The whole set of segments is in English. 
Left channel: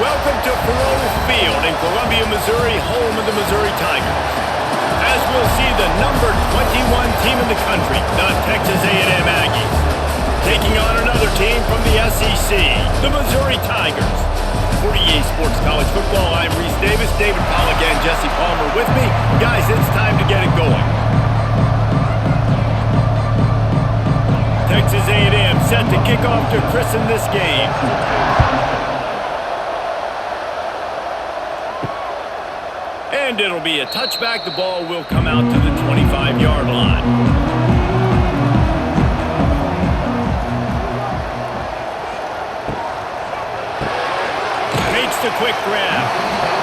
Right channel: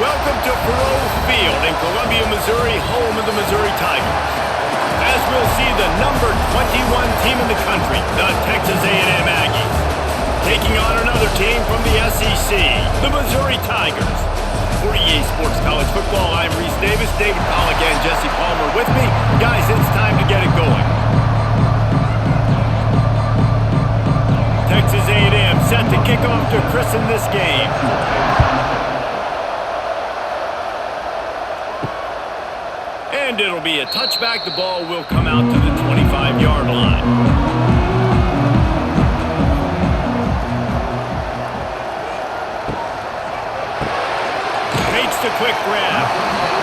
Welcome to Faurot Field in Columbia, Missouri, home of the Missouri Tigers. As we'll see the number 21 team in the country, the Texas A&M Aggies, taking on another team from the SEC, the Missouri Tigers. For EA Sports College Football, I'm Reese Davis, David Pollack and Jesse Palmer with me. Guys, it's time to get it going. Texas A&M set to kick off to christen this game. And it'll be a touchback. The ball will come out to the 25-yard line. Makes the quick grab.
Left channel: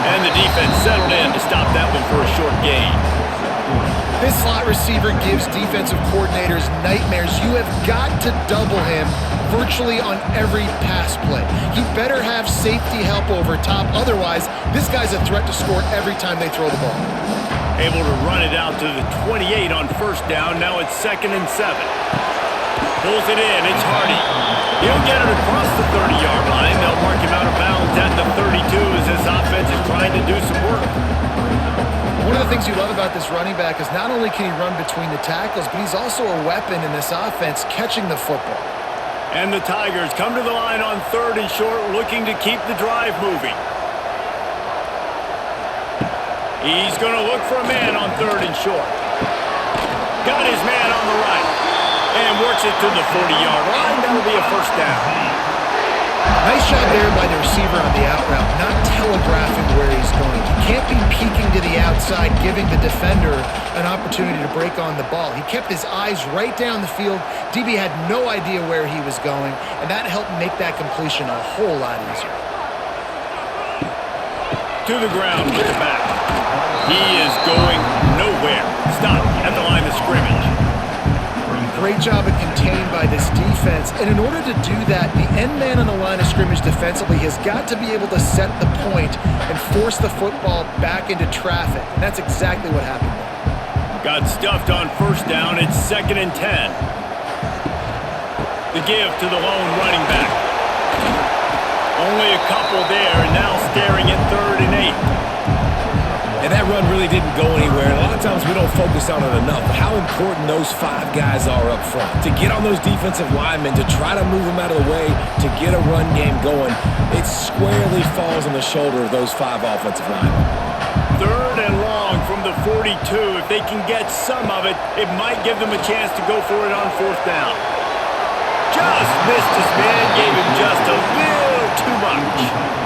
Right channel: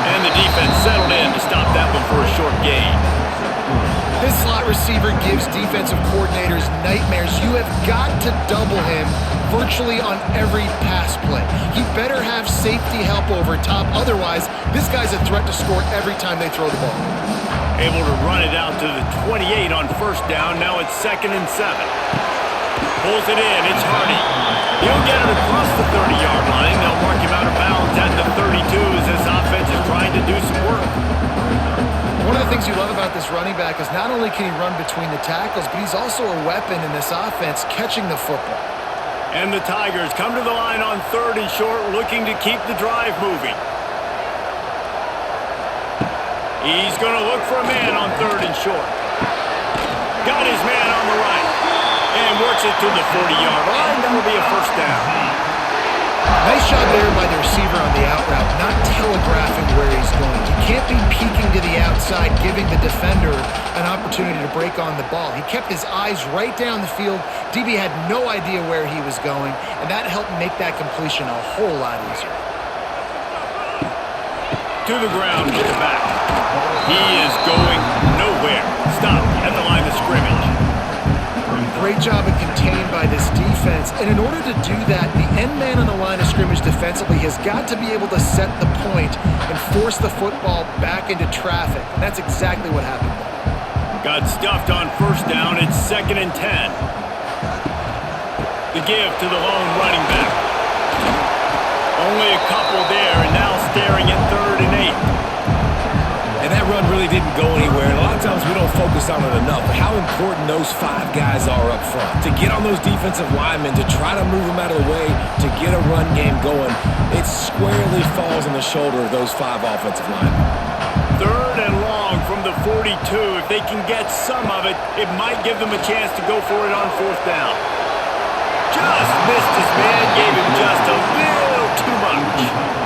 And the defense settled in to stop that one for a short gain. This slot receiver gives defensive coordinators nightmares. You have got to double him virtually on every pass play. He better have safety help over top. Otherwise, this guy's a threat to score every time they throw the ball. Able to run it out to the 28 on first down. Now it's 2nd and 7. Pulls it in. It's Hardy. He'll get it across the 30-yard line. They'll mark him out of bounds at the 32 as this offense is trying to do some work. One of the things you love about this running back is not only can he run between the tackles, but he's also a weapon in this offense catching the football. And the Tigers come to the line on 3rd and short, looking to keep the drive moving. He's going to look for a man on 3rd and short. Got his man on the right. And works it to the 40-yard line. That'll be a first down. Nice job there by the receiver on the out route, not telegraphing where he's going. He can't be peeking to the outside, giving the defender an opportunity to break on the ball. He kept his eyes right down the field. DB had no idea where he was going, and that helped make that completion a whole lot easier. To the ground with the back. He is going nowhere. Stop at the line of scrimmage. Great job of contained by this defense. And in order to do that, the end man on the line of scrimmage defensively has got to be able to set the point and force the football back into traffic. And that's exactly what happened there. Got stuffed on first down. It's 2nd and 10. The give to the lone running back. Only a couple there, and now staring at 3rd and 8. And that run really didn't go anywhere. And a lot of times we don't focus on it enough, but how important those 5 guys are up front. To get on those defensive linemen, to try to move them out of the way, to get a run game going, it squarely falls on the shoulder of those 5 offensive linemen. 3rd and long from the 42. If they can get some of it, it might give them a chance to go for it on 4th down. Just missed his man, gave him just a little too much.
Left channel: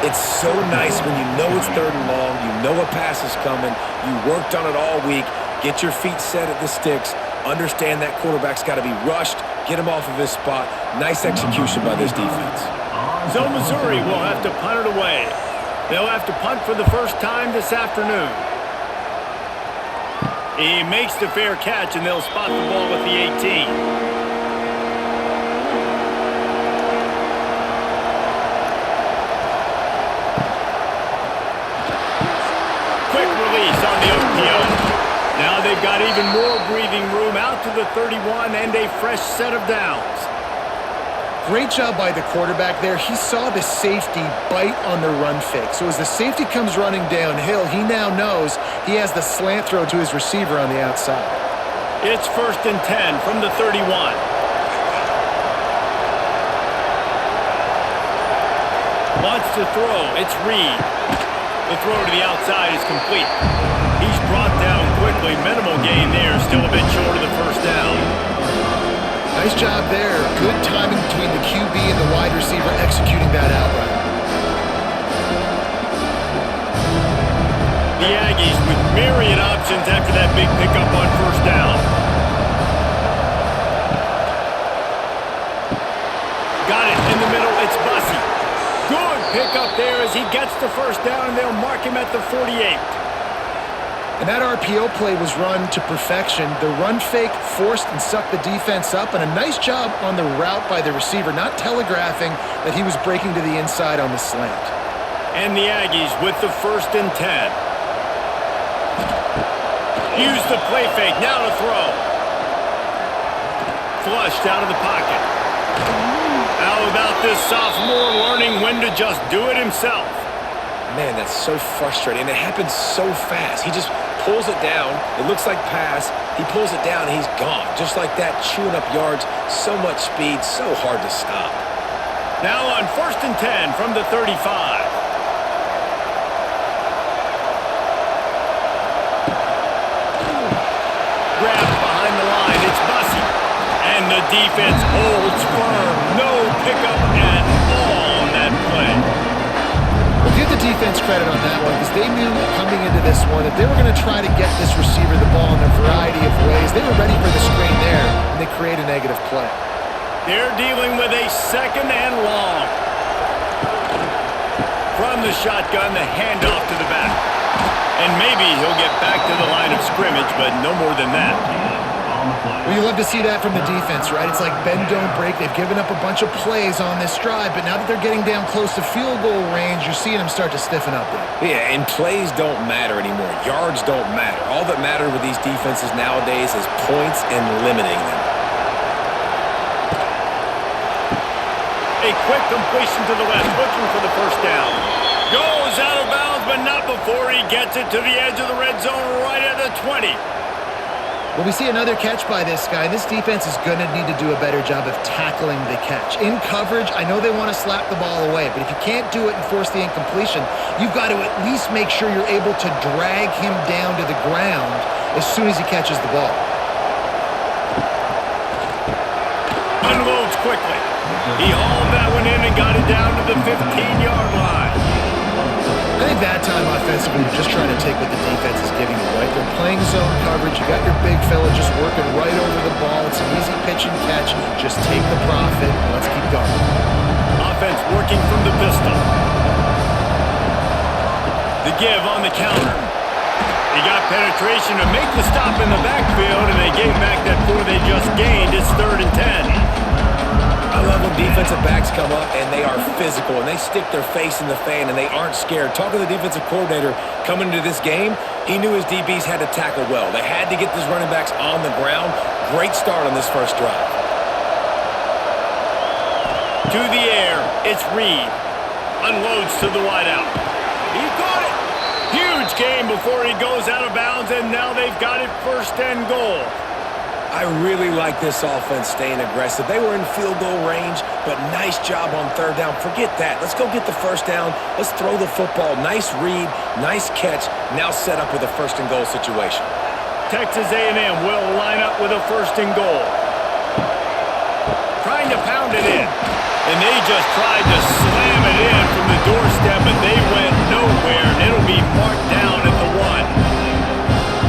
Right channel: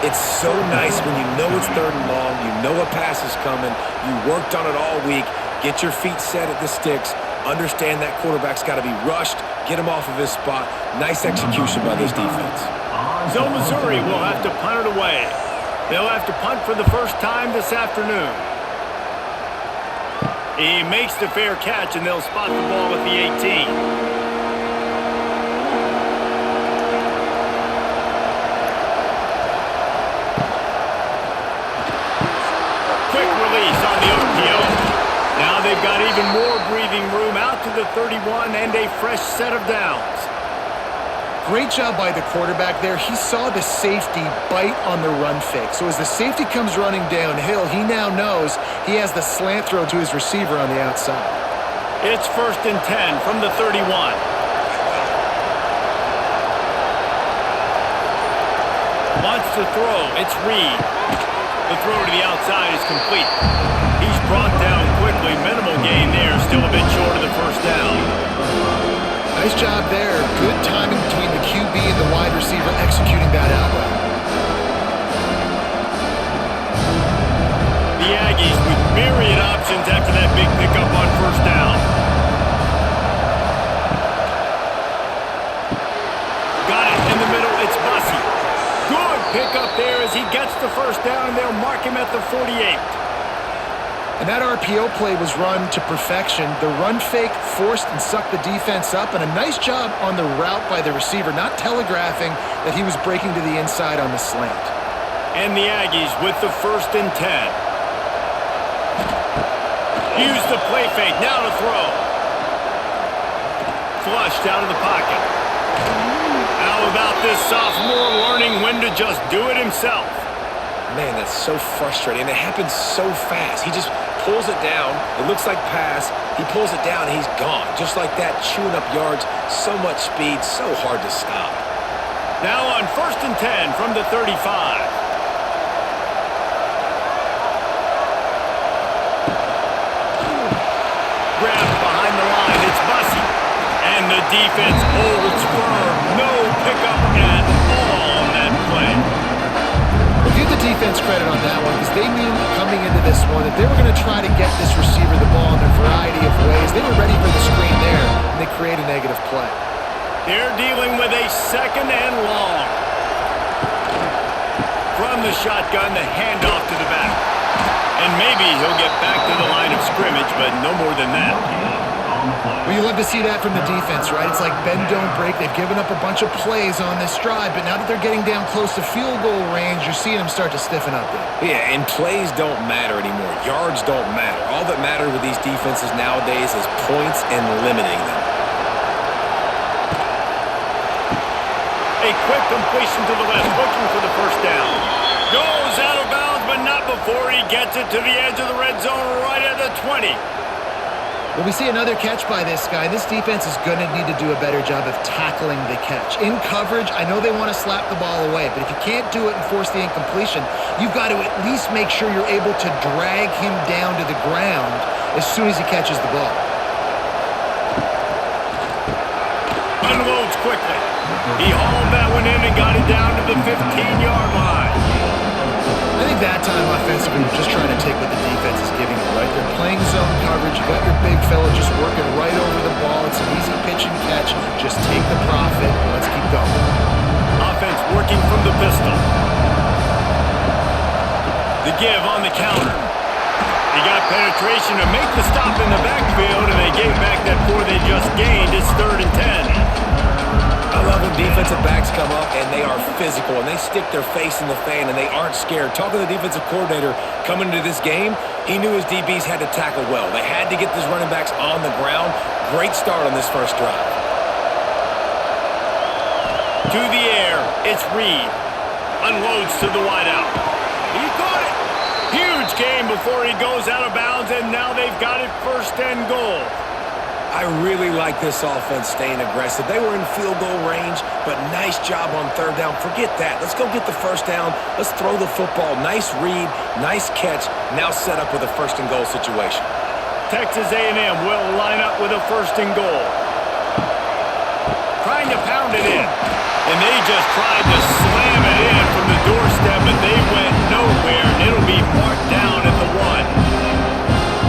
It's so nice when you know it's 3rd and long, you know a pass is coming, you worked on it all week, get your feet set at the sticks, understand that quarterback's got to be rushed, get him off of his spot. Nice execution by this defense. So Missouri will have to punt it away. They'll have to punt for the first time this afternoon. He makes the fair catch, and they'll spot the ball at the 18. Quick release on the RPO. Now they've got even more breathing room out to the 31 and a fresh set of downs. Great job by the quarterback there. He saw the safety bite on the run fake. So as the safety comes running downhill, he now knows he has the slant throw to his receiver on the outside. It's 1st and 10 from the 31. Wants to throw. It's Reed. The throw to the outside is complete. He's brought down quickly. Minimal gain there. Still a bit short of the first down. Nice job there. Good timing between the QB and the wide receiver executing that out route. The Aggies with myriad options after that big pickup on first down. Got it in the middle. It's Bussey. Good pickup there as he gets the first down, and they'll mark him at the 48. And that RPO play was run to perfection. The run fake forced and sucked the defense up, and a nice job on the route by the receiver, not telegraphing that he was breaking to the inside on the slant. And the Aggies with the 1st and 10. Use the play fake, now to throw. Flushed out of the pocket. Out How about this sophomore learning when to just do it himself? Man, that's so frustrating, and it happens so fast. He just pulls it down. It looks like pass. He pulls it down, and he's gone. Just like that, chewing up yards. So much speed, so hard to stop. Now on 1st and 10 from the 35. Grabbed behind the line. It's Bussey. And the defense holds firm. No pickup at all on that play. Well, give the defense credit on that one because they knew coming into this one that they were going to try to get this receiver the ball in a variety of ways. They were ready for the screen there, and they create a negative play. They're dealing with a 2nd and long. From the shotgun, the handoff to the back. And maybe he'll get back to the line of scrimmage, but no more than that. Well, you love to see that from the defense, right? It's like bend, don't break. They've given up a bunch of plays on this drive, but now that they're getting down close to field goal range, you're seeing them start to stiffen up there. Yeah, and plays don't matter anymore. Yards don't matter. All that matters with these defenses nowadays is points and limiting them. A quick completion to the left, looking for the first down. Goes out of bounds, but not before he gets it to the edge of the red zone right at the 20. Well, we see another catch by this guy. This defense is going to need to do a better job of tackling the catch. In coverage, I know they want to slap the ball away, but if you can't do it and force the incompletion, you've got to at least make sure you're able to drag him down to the ground as soon as he catches the ball. Unloads quickly. He hauled that one in and got it down to the 15-yard line. I think that time offensively, you're just trying to take what the defense is giving you, right? They're playing zone coverage. You got your big fella just working right over the ball. It's an easy pitch and catch. Just take the profit. Let's keep going. Offense working from the pistol. The give on the counter. He got penetration to make the stop in the backfield, and they gave back that 4 they just gained. It's 3rd and 10. I love when defensive backs come up and they are physical and they stick their face in the fan and they aren't scared. Talking to the defensive coordinator coming into this game, he knew his DBs had to tackle well. They had to get these running backs on the ground. Great start on this first drive. To the air, it's Reed. Unloads to the wideout. He caught it. Huge gain before he goes out of bounds, and now they've got it 1st and goal. I really like this offense staying aggressive. They were in field goal range, but nice job on 3rd down. Forget that. Let's go get the 1st down. Let's throw the football. Nice read, nice catch. Now set up with a 1st and goal situation. Texas A&M will line up with a 1st and goal. Trying to pound it in. And they just tried to slam it in from the doorstep, but they went nowhere, and it'll be marked down at the 1.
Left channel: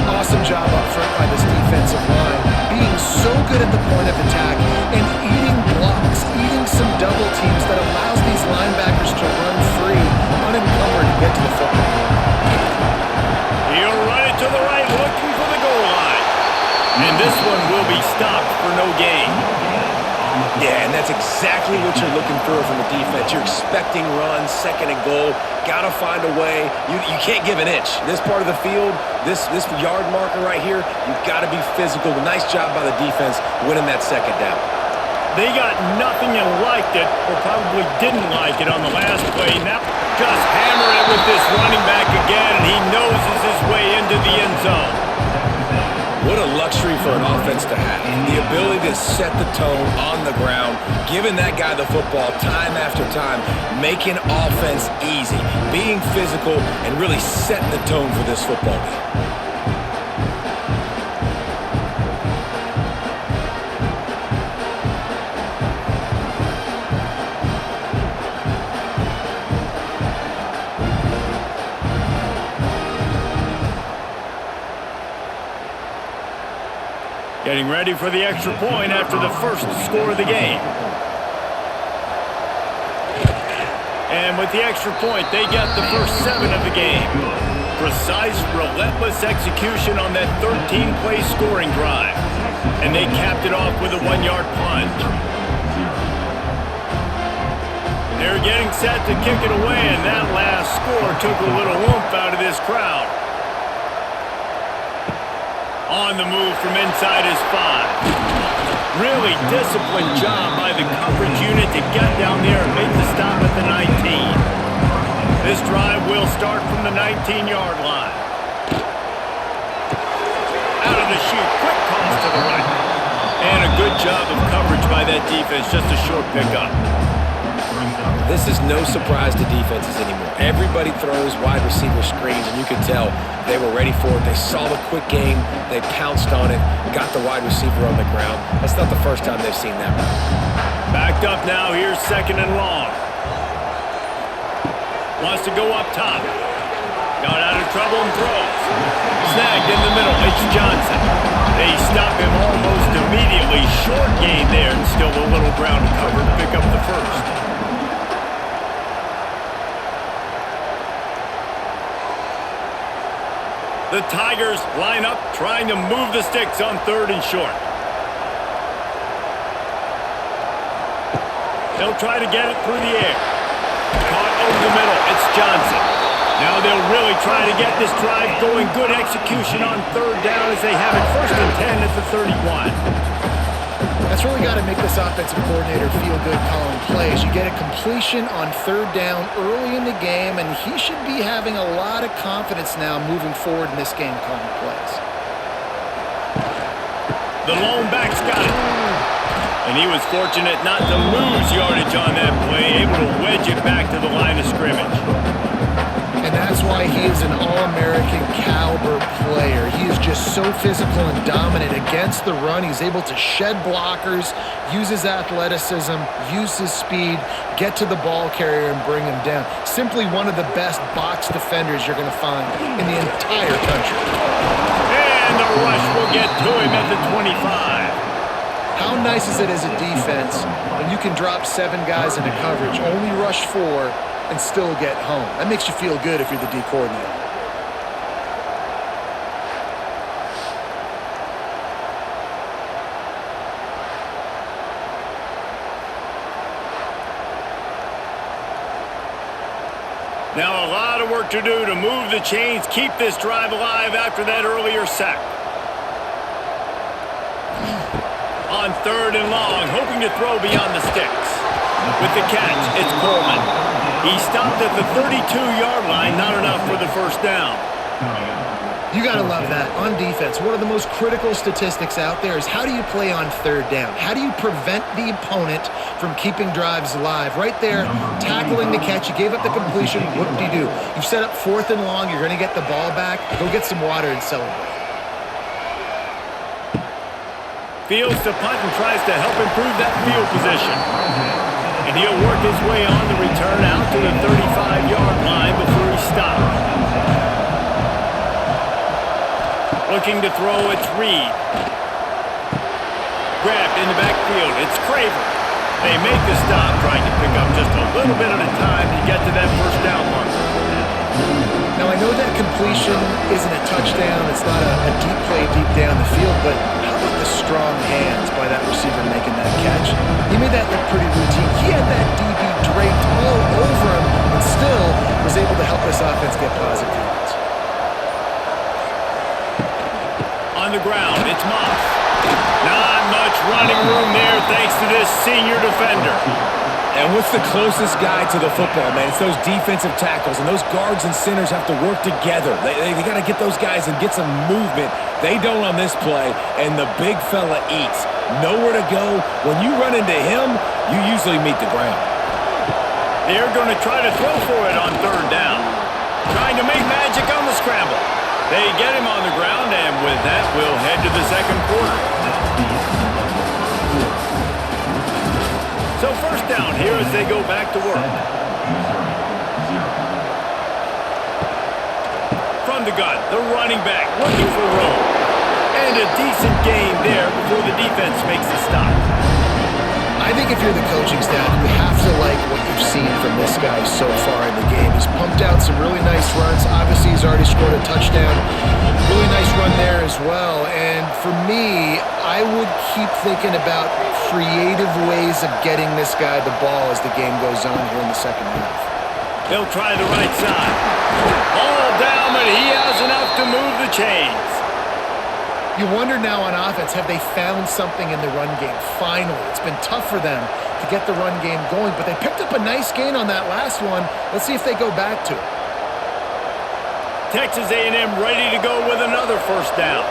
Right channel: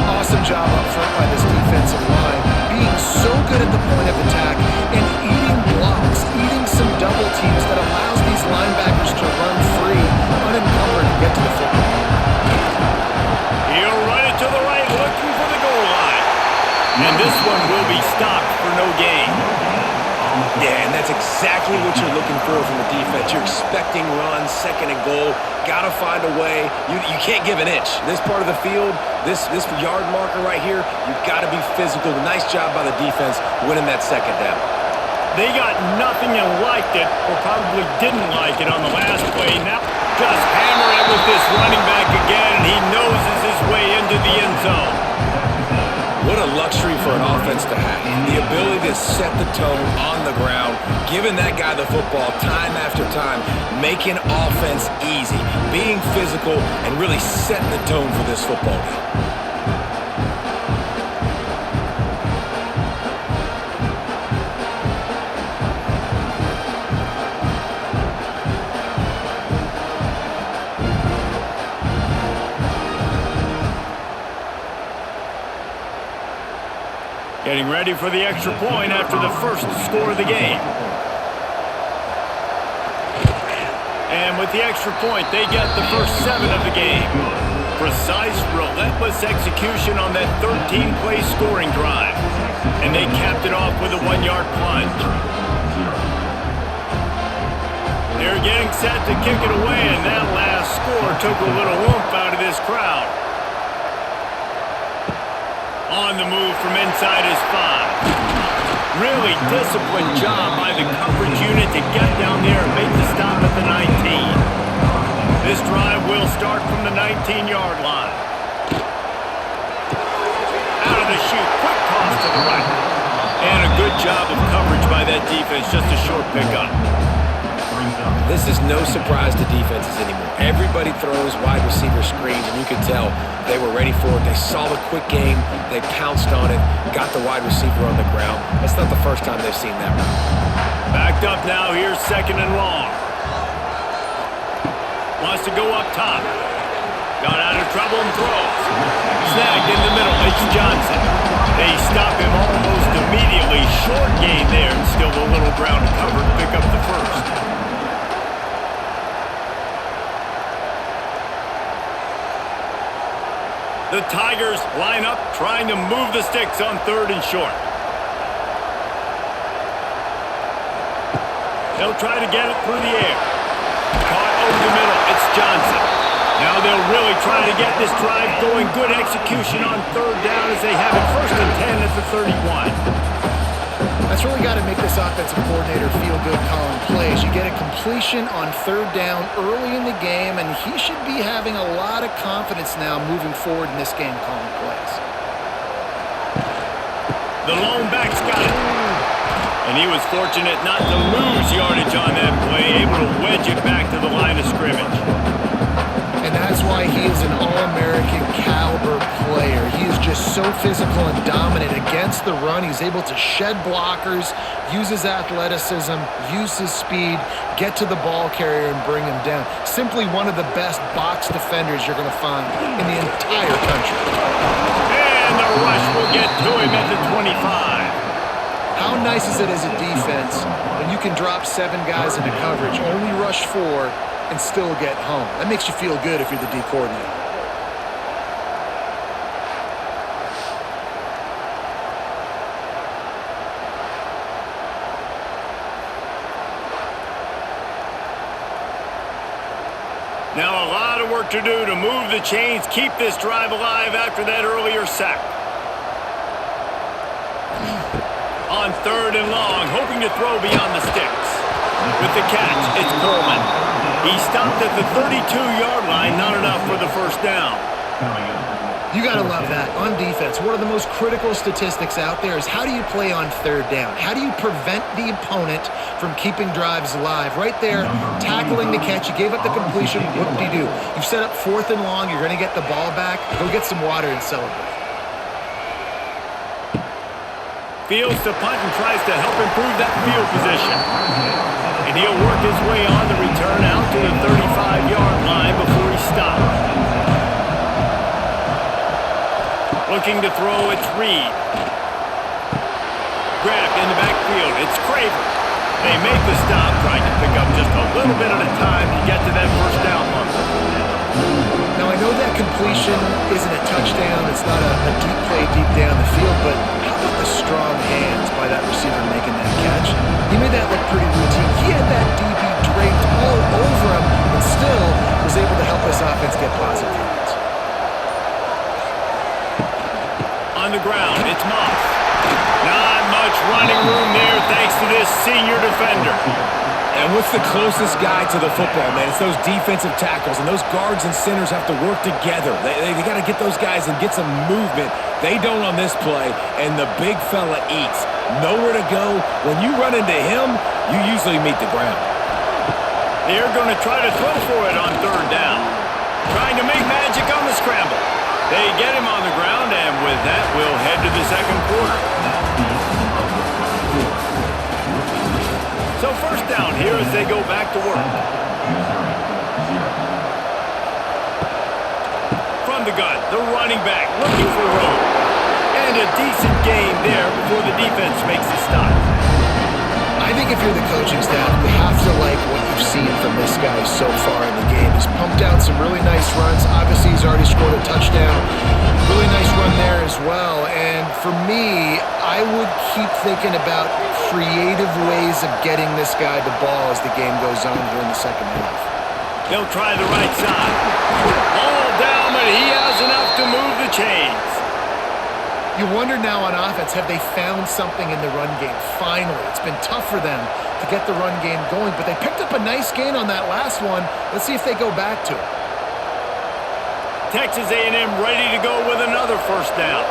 Awesome job up front by this defensive line, being so good at the point of attack and eating blocks, eating some double teams that allows these linebackers to run free, unencumbered, and get to the football. He'll run it to the right, looking for the goal line. And this one will be stopped for no gain. Yeah, and that's exactly what you're looking for from a defense. You're expecting runs, 2nd and goal. Got to find a way. You can't give an inch. This part of the field, this yard marker right here, you've got to be physical. Nice job by the defense winning that 2nd down. They got nothing and liked it, or probably didn't like it on the last play. Now just hammer it with this running back again, and he noses his way into the end zone. What a luxury for an offense to have. The ability to set the tone on the ground, giving that guy the football time after time, making offense easy, being physical, and really setting the tone for this football game. Getting ready for the extra point after the first score of the game. And with the extra point, they get the first 7 of the game. Precise, relentless execution on that 13-play scoring drive. And they capped it off with a 1-yard plunge. They're getting set to kick it away, and that last score took a little oomph out of this crowd. On the move from inside his 5. Really disciplined job by the coverage unit to get down there and make the stop at the 19. This drive will start from the 19-yard line. Out of the chute, quick toss to the right. And a good job of coverage by that defense, just a short pickup. This is no surprise to defenses anymore. Everybody throws wide receiver screens, and you can tell they were ready for it. They saw the quick game. They pounced on it, got the wide receiver on the ground. That's not the first time they've seen that route. Backed up now. Here's 2nd and long. Wants to go up top. Got out of trouble and throws. Snagged in the middle. It's Johnson. They stop him almost immediately. Short gain there, and still a little ground to cover to pick up the first. The Tigers line up, trying to move the sticks on 3rd and short. They'll try to get it through the air. Caught over the middle. It's Johnson. Now they'll really try to get this drive going. Good execution on 3rd down as they have it 1st and 10 at the 31. That's really got to make this offensive coordinator feel good calling plays. You get a completion on 3rd down early in the game, and he should be having a lot of confidence now moving forward in this game calling plays. The lone back's got it. And he was fortunate not to lose yardage on that play, able to wedge it back to the line of scrimmage. And that's why he is an All-American caliber player. He is just so physical and dominant against the run. He's able to shed blockers, use his athleticism, use his speed, get to the ball carrier and bring him down. Simply one of the best box defenders you're going to find in the entire country. And the rush will get to him at the 25. How nice is it as a defense when you can drop 7 guys into coverage, only rush 4, and still get home? That makes you feel good if you're the D coordinator. Now a lot of work to do to move the chains, keep this drive alive after that earlier sack. On 3rd and long, hoping to throw beyond the sticks. With the catch, it's Coleman. He stopped at the 32-yard line, not enough for the first down. You got to love that. On defense, one of the most critical statistics out there is how do you play on 3rd down? How do you prevent the opponent from keeping drives alive? Right there, tackling the catch. You gave up the completion. What do you do? You've set up 4th and long. You're going to get the ball back. Go get some water and celebrate. Fields to punt and tries to help improve that field position. And he'll work his way on the return out to the 35-yard line before he stopped. Looking to throw, it's Reed. Grabbed in the backfield, it's Craver. They make the stop, trying to pick up just a little bit at a time to get to that first down marker. Now, I know that completion isn't a touchdown. It's not a deep play deep down the field, but how about the strong hands by that receiver making that catch? He made that look pretty routine. He had that DB draped all over him and still was able to help this offense get positive yards. On the ground, it's Moss. Not much running room there thanks to this senior defender. And what's the closest guy to the football, man? It's those defensive tackles, and those guards and centers have to work together. They got to get those guys and get some movement. They don't on this play, and the big fella eats. Nowhere to go. When you run into him, you usually meet the ground. They're going to try to throw for it on 3rd down. Trying to make magic on the scramble. They get him on the ground, and with that, we'll head to the 2nd quarter. So 1st down here as they go back to work. From the gun, the running back looking for room. And a decent gain there before the defense makes the stop. I think if you're the coaching staff, you have to like what you've seen from this guy so far in the game. He's pumped out some really nice runs. Obviously, he's already scored a touchdown. Really nice run there as well. And for me, I would keep thinking about creative ways of getting this guy the ball as the game goes on here in the 2nd half. They'll try the right side. All down, but he has enough to move the chains. You wonder now on offense, have they found something in the run game? Finally, it's been tough for them to get the run game going, but they picked up a nice gain on that last one. Let's see if they go back to it. Texas A&M ready to go with another first down.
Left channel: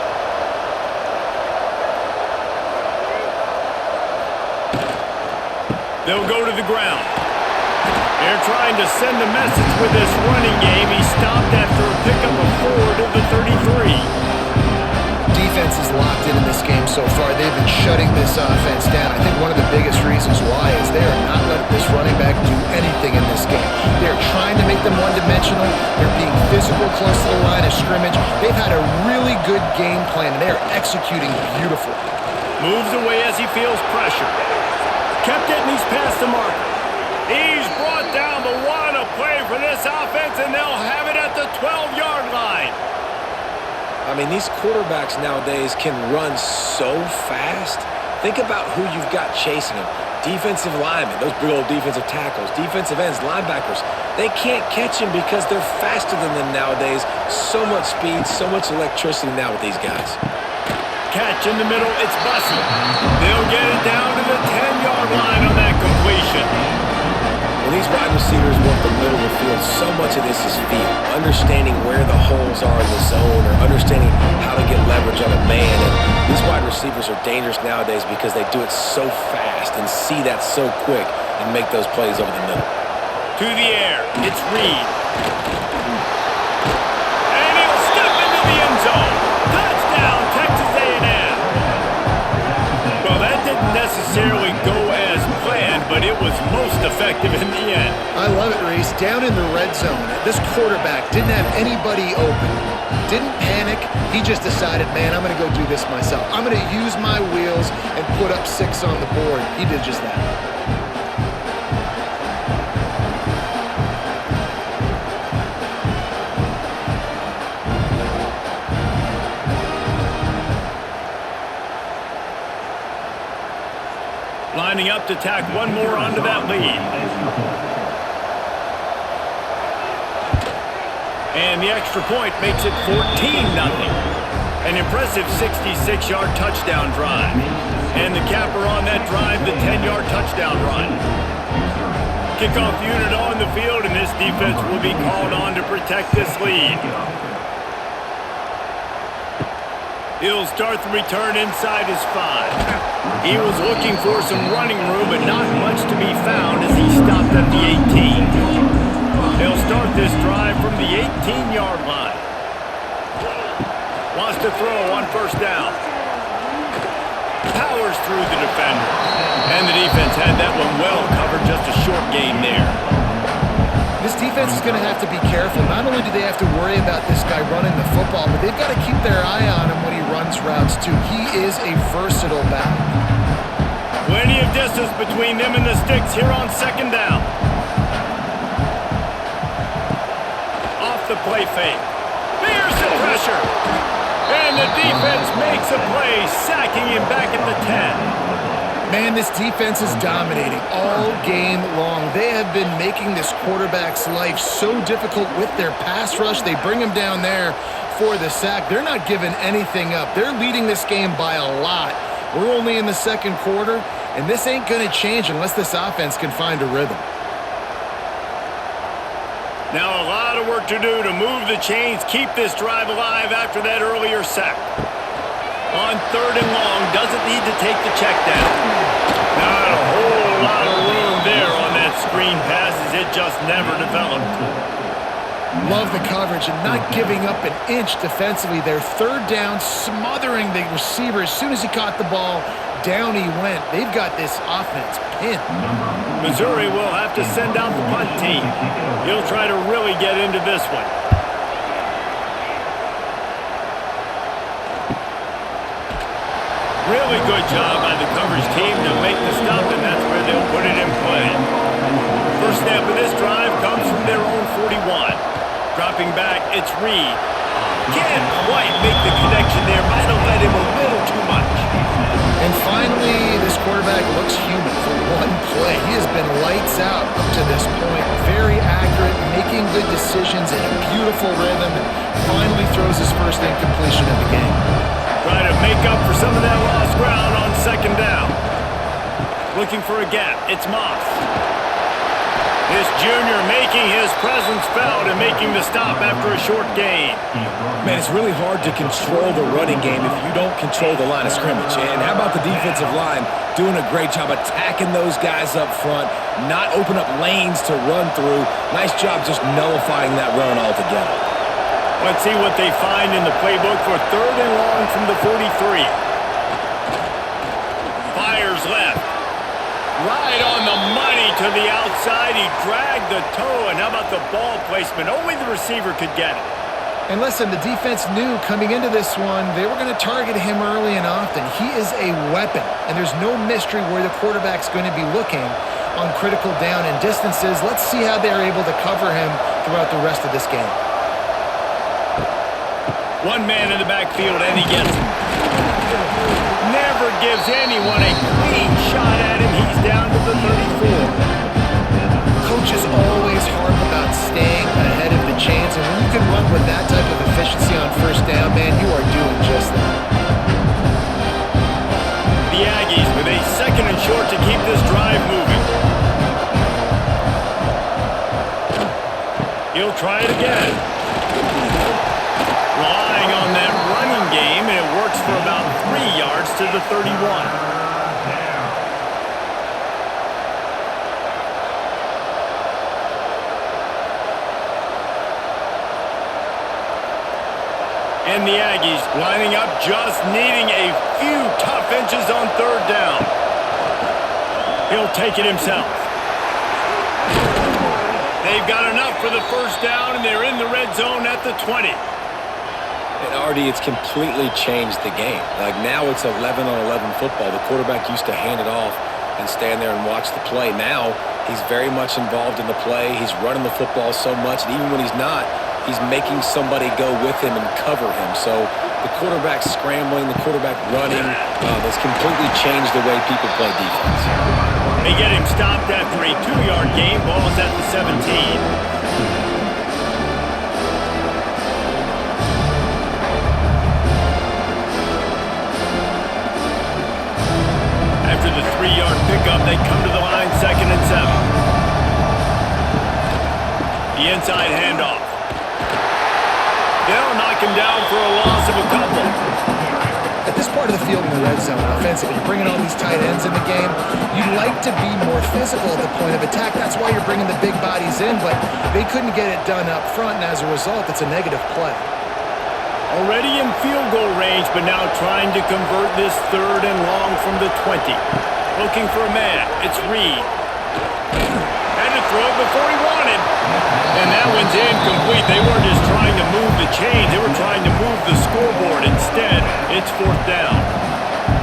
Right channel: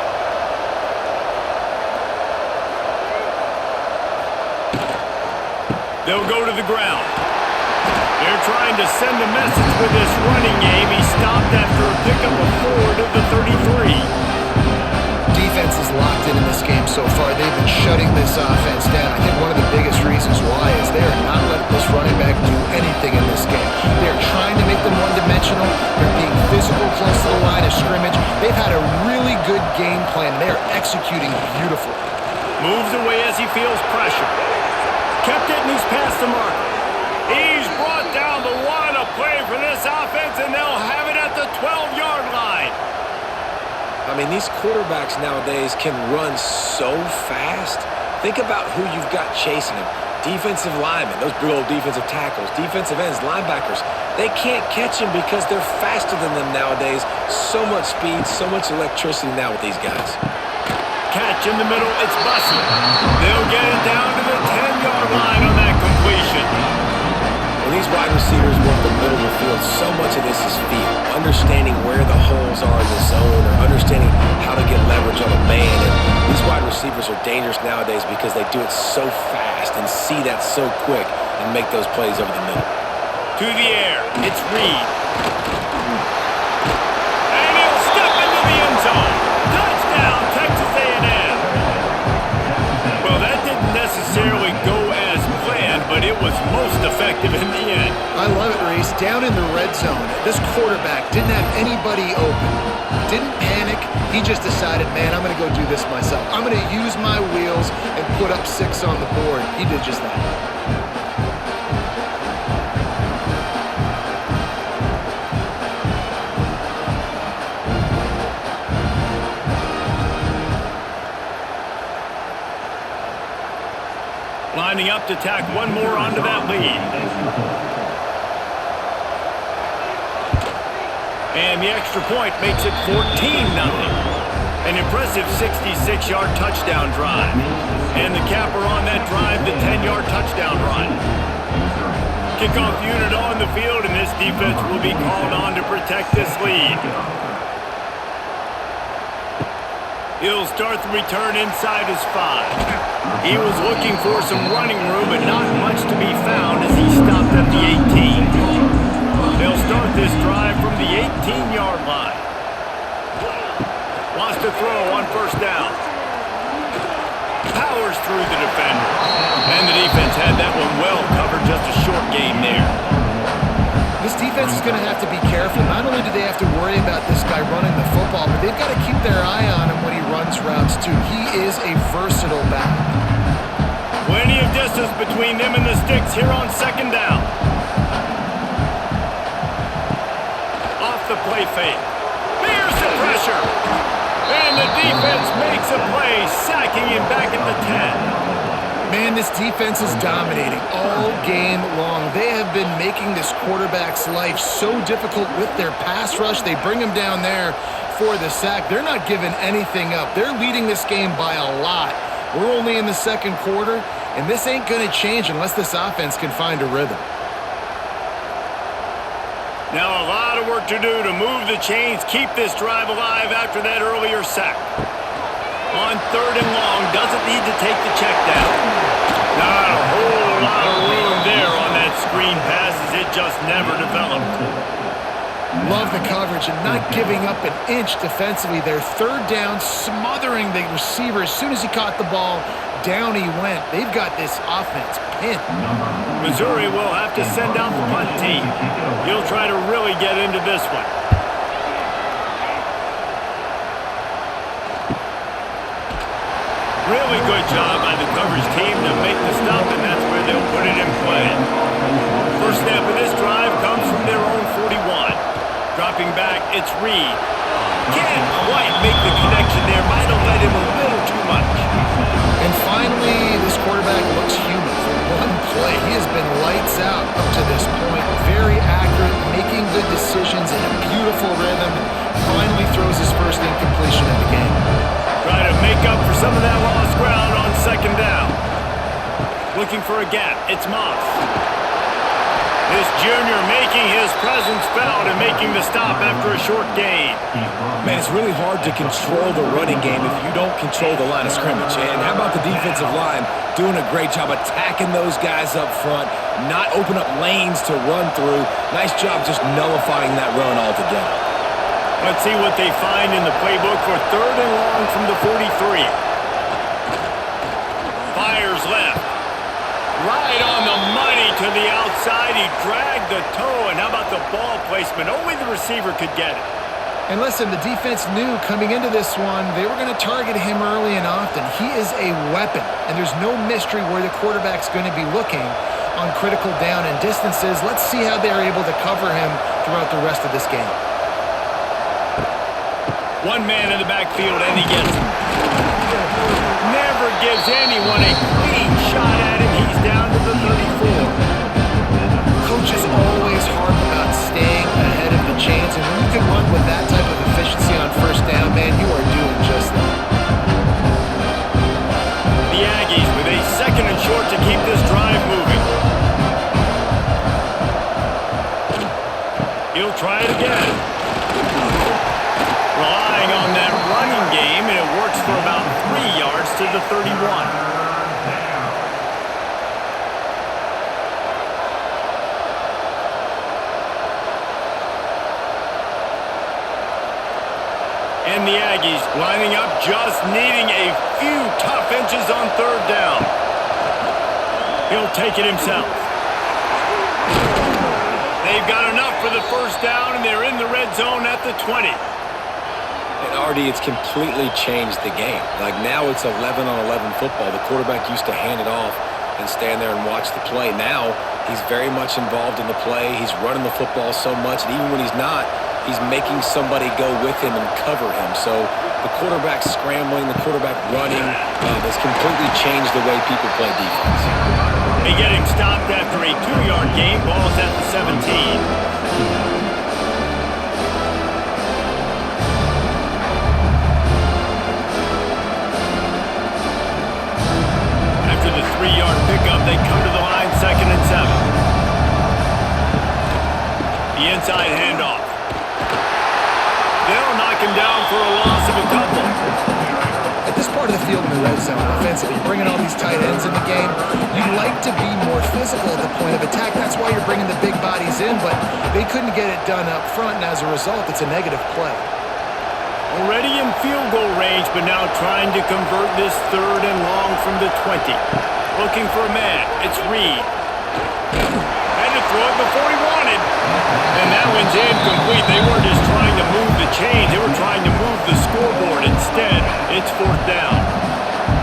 They'll go to the ground. They're trying to send a message with this running game. He stopped after a pickup of 4 to the 33. Defense is locked in this game so far. They've been shutting this offense down. I think one of the biggest reasons why is they are not letting this running back do anything in this game. They're trying to make them one-dimensional. They're being physical close to the line of scrimmage. They've had a really good game plan, and they are executing beautifully. Moves away as he feels pressure. Kept it, and he's past the marker. He's brought down, but what a play for this offense, and they'll have it at the 12-yard line. I mean, these quarterbacks nowadays can run so fast. Think about who you've got chasing them. Defensive linemen, those big old defensive tackles, defensive ends, linebackers. They can't catch them because they're faster than them nowadays. So much speed, so much electricity now with these guys. Catch in the middle, it's Bussey. They'll get it down to the 10-yard line on that completion. When these wide receivers work the middle of the field, so much of this is feel. Understanding where the holes are in the zone or understanding how to get leverage on a man. And these wide receivers are dangerous nowadays because they do it so fast and see that so quick and make those plays over the middle. To the air, it's Reed. And he'll step into the end zone. Touchdown, Texas A&M. Well, that didn't necessarily go as planned, but it was most effective in the end. I love it, Reese. Down in the red zone, this quarterback didn't have anybody open. Didn't panic. He just decided, man, I'm going to go do this myself. I'm going to use my wheels and put up 6 on the board. He did just that. Lining up to tack one more onto that lead. And the extra point makes it 14-0. An impressive 66-yard touchdown drive. And the capper on that drive, the 10-yard touchdown run. Kickoff unit on the field, and this defense will be called on to protect this lead. He'll start the return inside his 5. He was looking for some running room, but not much to be found as he stopped at the 18. They'll start this drive from the 18-yard line. Wants to throw on first down. Powers through the defender. And the defense had that one well covered, just a short gain there. This defense is going to have to be careful. Not only do they have to worry about this guy running the football, but they've got to keep their eye on him when he runs routes too. He is a versatile back. Plenty of distance between them and the sticks here on second down. Off the play fake. Here's the pressure. And the defense makes a play, sacking him back at the 10. Man, this defense is dominating all game long. They have been making this quarterback's life so difficult with their pass rush. They bring him down there for the sack. They're not giving anything up. They're leading this game by a lot. We're only in the second quarter, and this ain't going to change unless this offense can find a rhythm. Now a lot of work to do to move the chains, keep this drive alive after that earlier sack. On third and long, doesn't need to take the check down. Not a whole lot of room there on that screen pass as it just never developed. Love the coverage and not giving up an inch defensively. Their third down, smothering the receiver. As soon as he caught the ball, down he went. They've got this offense pinned. Missouri will have to send out the punt team. He'll try to really get into this one. Really good job by the coverage team to make the stop, and that's where they'll put it in play. First snap of this drive comes from their own 41. Dropping back, it's Reed. Can't quite make the connection there. Might have let him a little too much. And finally, this quarterback looks human for one play. He has been lights out up to this point. Very accurate, making good decisions in a beautiful rhythm, and finally throws his first incompletion of the game. Try to make up for some of that lost ground on second down. Looking for a gap. It's Moss. This junior making his presence felt and making the stop after a short gain. Man, it's really hard to control the running game if you don't control the line of scrimmage. And how about the defensive line doing a great job attacking those guys up front, not open up lanes to run through. Nice job just nullifying that run altogether. Let's see what they find in the playbook for 3rd and long from the 43. Fires left. Right on the money to the outside. He dragged the toe, and how about the ball placement? Only the receiver could get it. And listen, the defense knew coming into this one, they were going to target him early and often. He is a weapon, and there's no mystery where the quarterback's going to be looking on critical down and distances. Let's see how they're able to cover him throughout the rest of this game. One man in the backfield, and he gets him. Never gives anyone a clean shot at him. He's down to the 34. Coaches always harp about staying ahead of the chains, and when you can run with that type of efficiency on first down, man, you are doing just that. The Aggies with a 2nd and short to keep this drive moving. He'll try it again. Relying on that running game, and it works for about 3 yards to the 31. And the Aggies lining up, just needing a few tough inches on 3rd down. He'll take it himself. They've got enough for the 1st down, and they're in the red zone at the 20. And Artie, it's completely changed the game. Like now it's 11-on-11 football. The quarterback used to hand it off and stand there and watch the play. Now he's very much involved in the play. He's running the football so much, and even when he's not, he's making somebody go with him and cover him. So the quarterback scrambling, the quarterback running has completely changed the way people play defense. They get him stopped after a 2-yard gain. Ball's at the 17. After the 3-yard pickup, they come to the line, 2nd and 7. The inside handoff. They'll knock him down for a loss of a couple. At this part of the field in the red zone, offensively, you're bringing all these tight ends in the game. You'd like to be more physical at the point of attack. That's why you're bringing the big bodies in, but they couldn't get it done up front, and as a result, it's a negative play. Already in field goal range, but now trying to convert this 3rd and long from the 20. Looking for a man. It's Reed. Had to throw it before he wanted. And that one's incomplete. They weren't just trying to move the chains. They were trying to move the scoreboard. Instead, it's 4th down.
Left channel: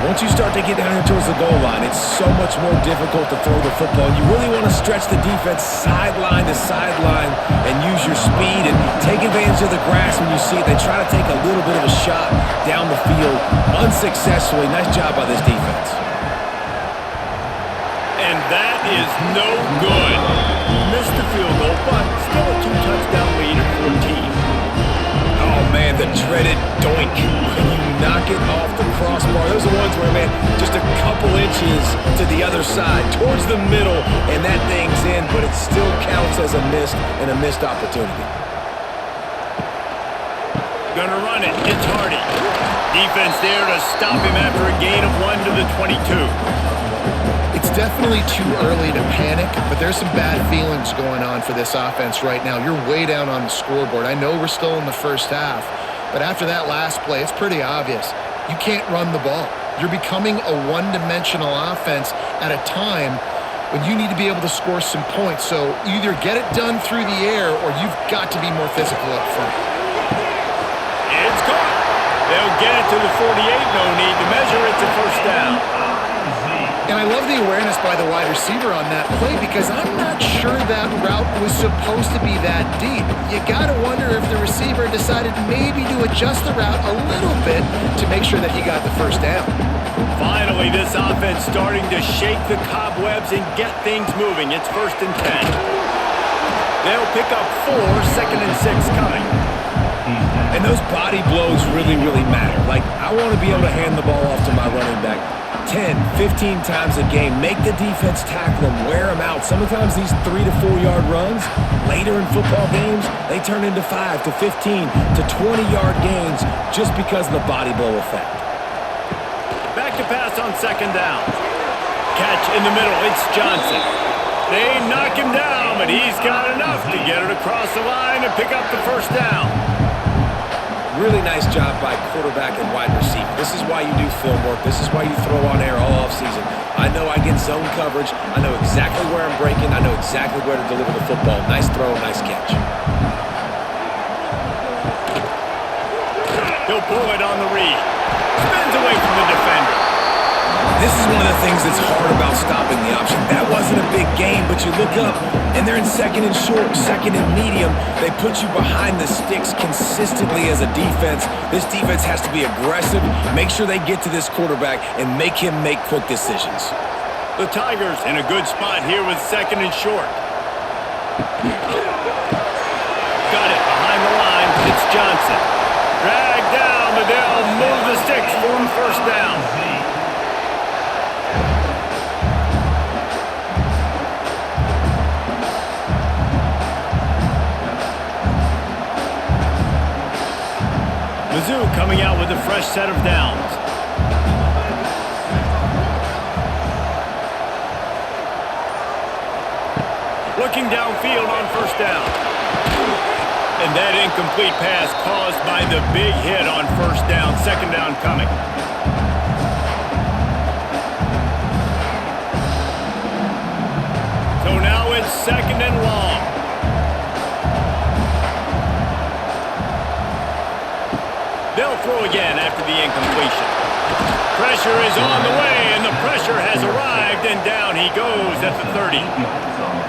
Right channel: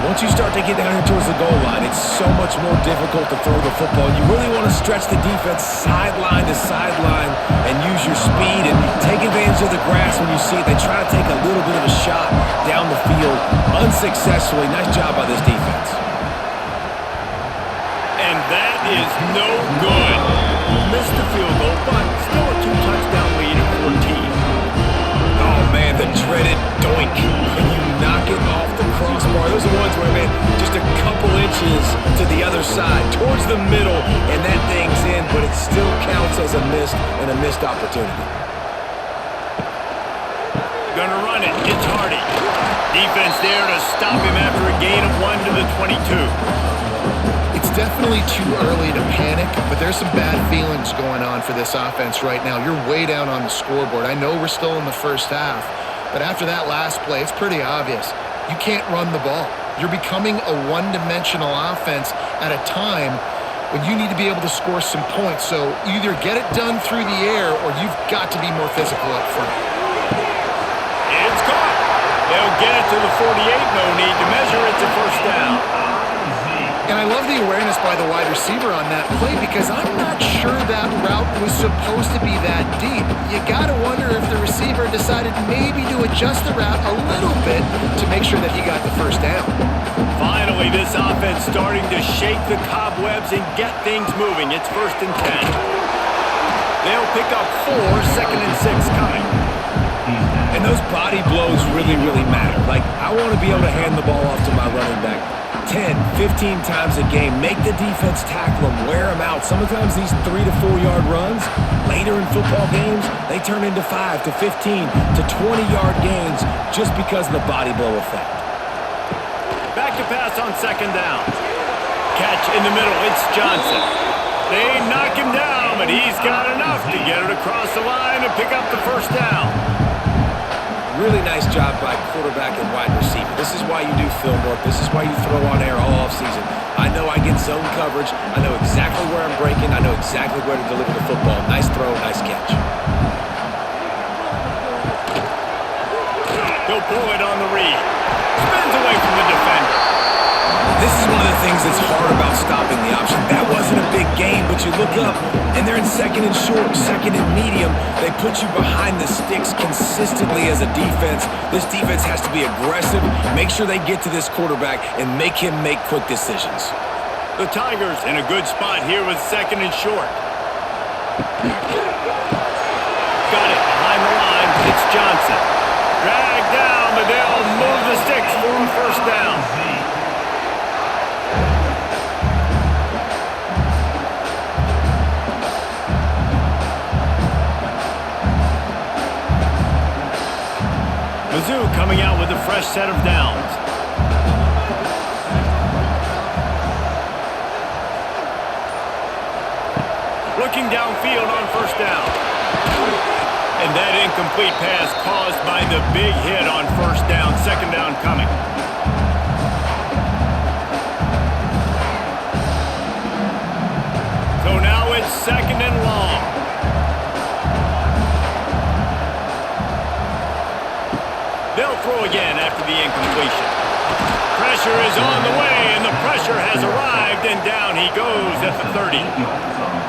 Once you start to get down here towards the goal line, it's so much more difficult to throw the football. You really want to stretch the defense sideline to sideline and use your speed and take advantage of the grass when you see it. They try to take a little bit of a shot down the field unsuccessfully. Nice job by this defense. And that is no good. Missed the field goal, but still a 2-touchdown lead at 14. Oh, man, the dreaded doink. When you knock it off the crossbar. Those are ones where, man, just a couple inches to the other side, towards the middle, and that thing's in, but it still counts as a miss and a missed opportunity. Gonna run it. It's Hardy. Defense there to stop him after a gain of 1 to the 22. It's definitely too early to panic, but there's some bad feelings going on for this offense right now. You're way down on the scoreboard. I know we're still in the first half, but after that last play, it's pretty obvious. You can't run the ball. You're becoming a one-dimensional offense at a time when you need to be able to score some points. So either get it done through the air or you've got to be more physical up front. It's caught. They'll get it to the 48. No need to measure. It's a 1st down. And I love the awareness by the wide receiver on that play because I'm not sure that route was supposed to be that deep. You got to wonder if the receiver decided maybe to adjust the route a little bit to make sure that he got the 1st down. Finally, this offense starting to shake the cobwebs and get things moving. It's 1st and 10. They'll pick up 4, 2nd and 6 coming. And those body blows really, really matter. Like, I want to be able to hand the ball off to my running back 10, 15 times a game. Make the defense tackle them, wear them out. Sometimes these 3 to 4 yard runs, later in football games, they turn into 5 to 15 to 20 yard gains just because of the body blow effect. Back to pass on second down. Catch in the middle, it's Johnson. They knock him down, but he's got enough to get it across the line and pick up the first down. Really nice job by quarterback and wide receiver. This is why you do film work. This is why you throw on air all offseason. I know I get zone coverage. I know exactly where I'm breaking. I know exactly where to deliver the football. Nice throw, nice catch. He'll pull it on the read. Spins away from the defender. This is one of the things that's hard about stopping the option. That wasn't a big game, but you look up, and they're in second and short, second and medium. They put you behind the sticks consistently as a defense. This defense has to be aggressive, make sure they get to this quarterback, and make him make quick decisions. The Tigers in a good spot here with second and short. Got it behind the line. It's Johnson. Dragged down, but they'll move the sticks for a first down. Mizzou coming out with a fresh set of downs. Looking downfield on first down. And that incomplete pass caused by the big hit on first down. Second down coming. So now it's second and long. They'll throw again after the incompletion. Pressure is on the way, and the pressure has arrived, and down he goes at the 30.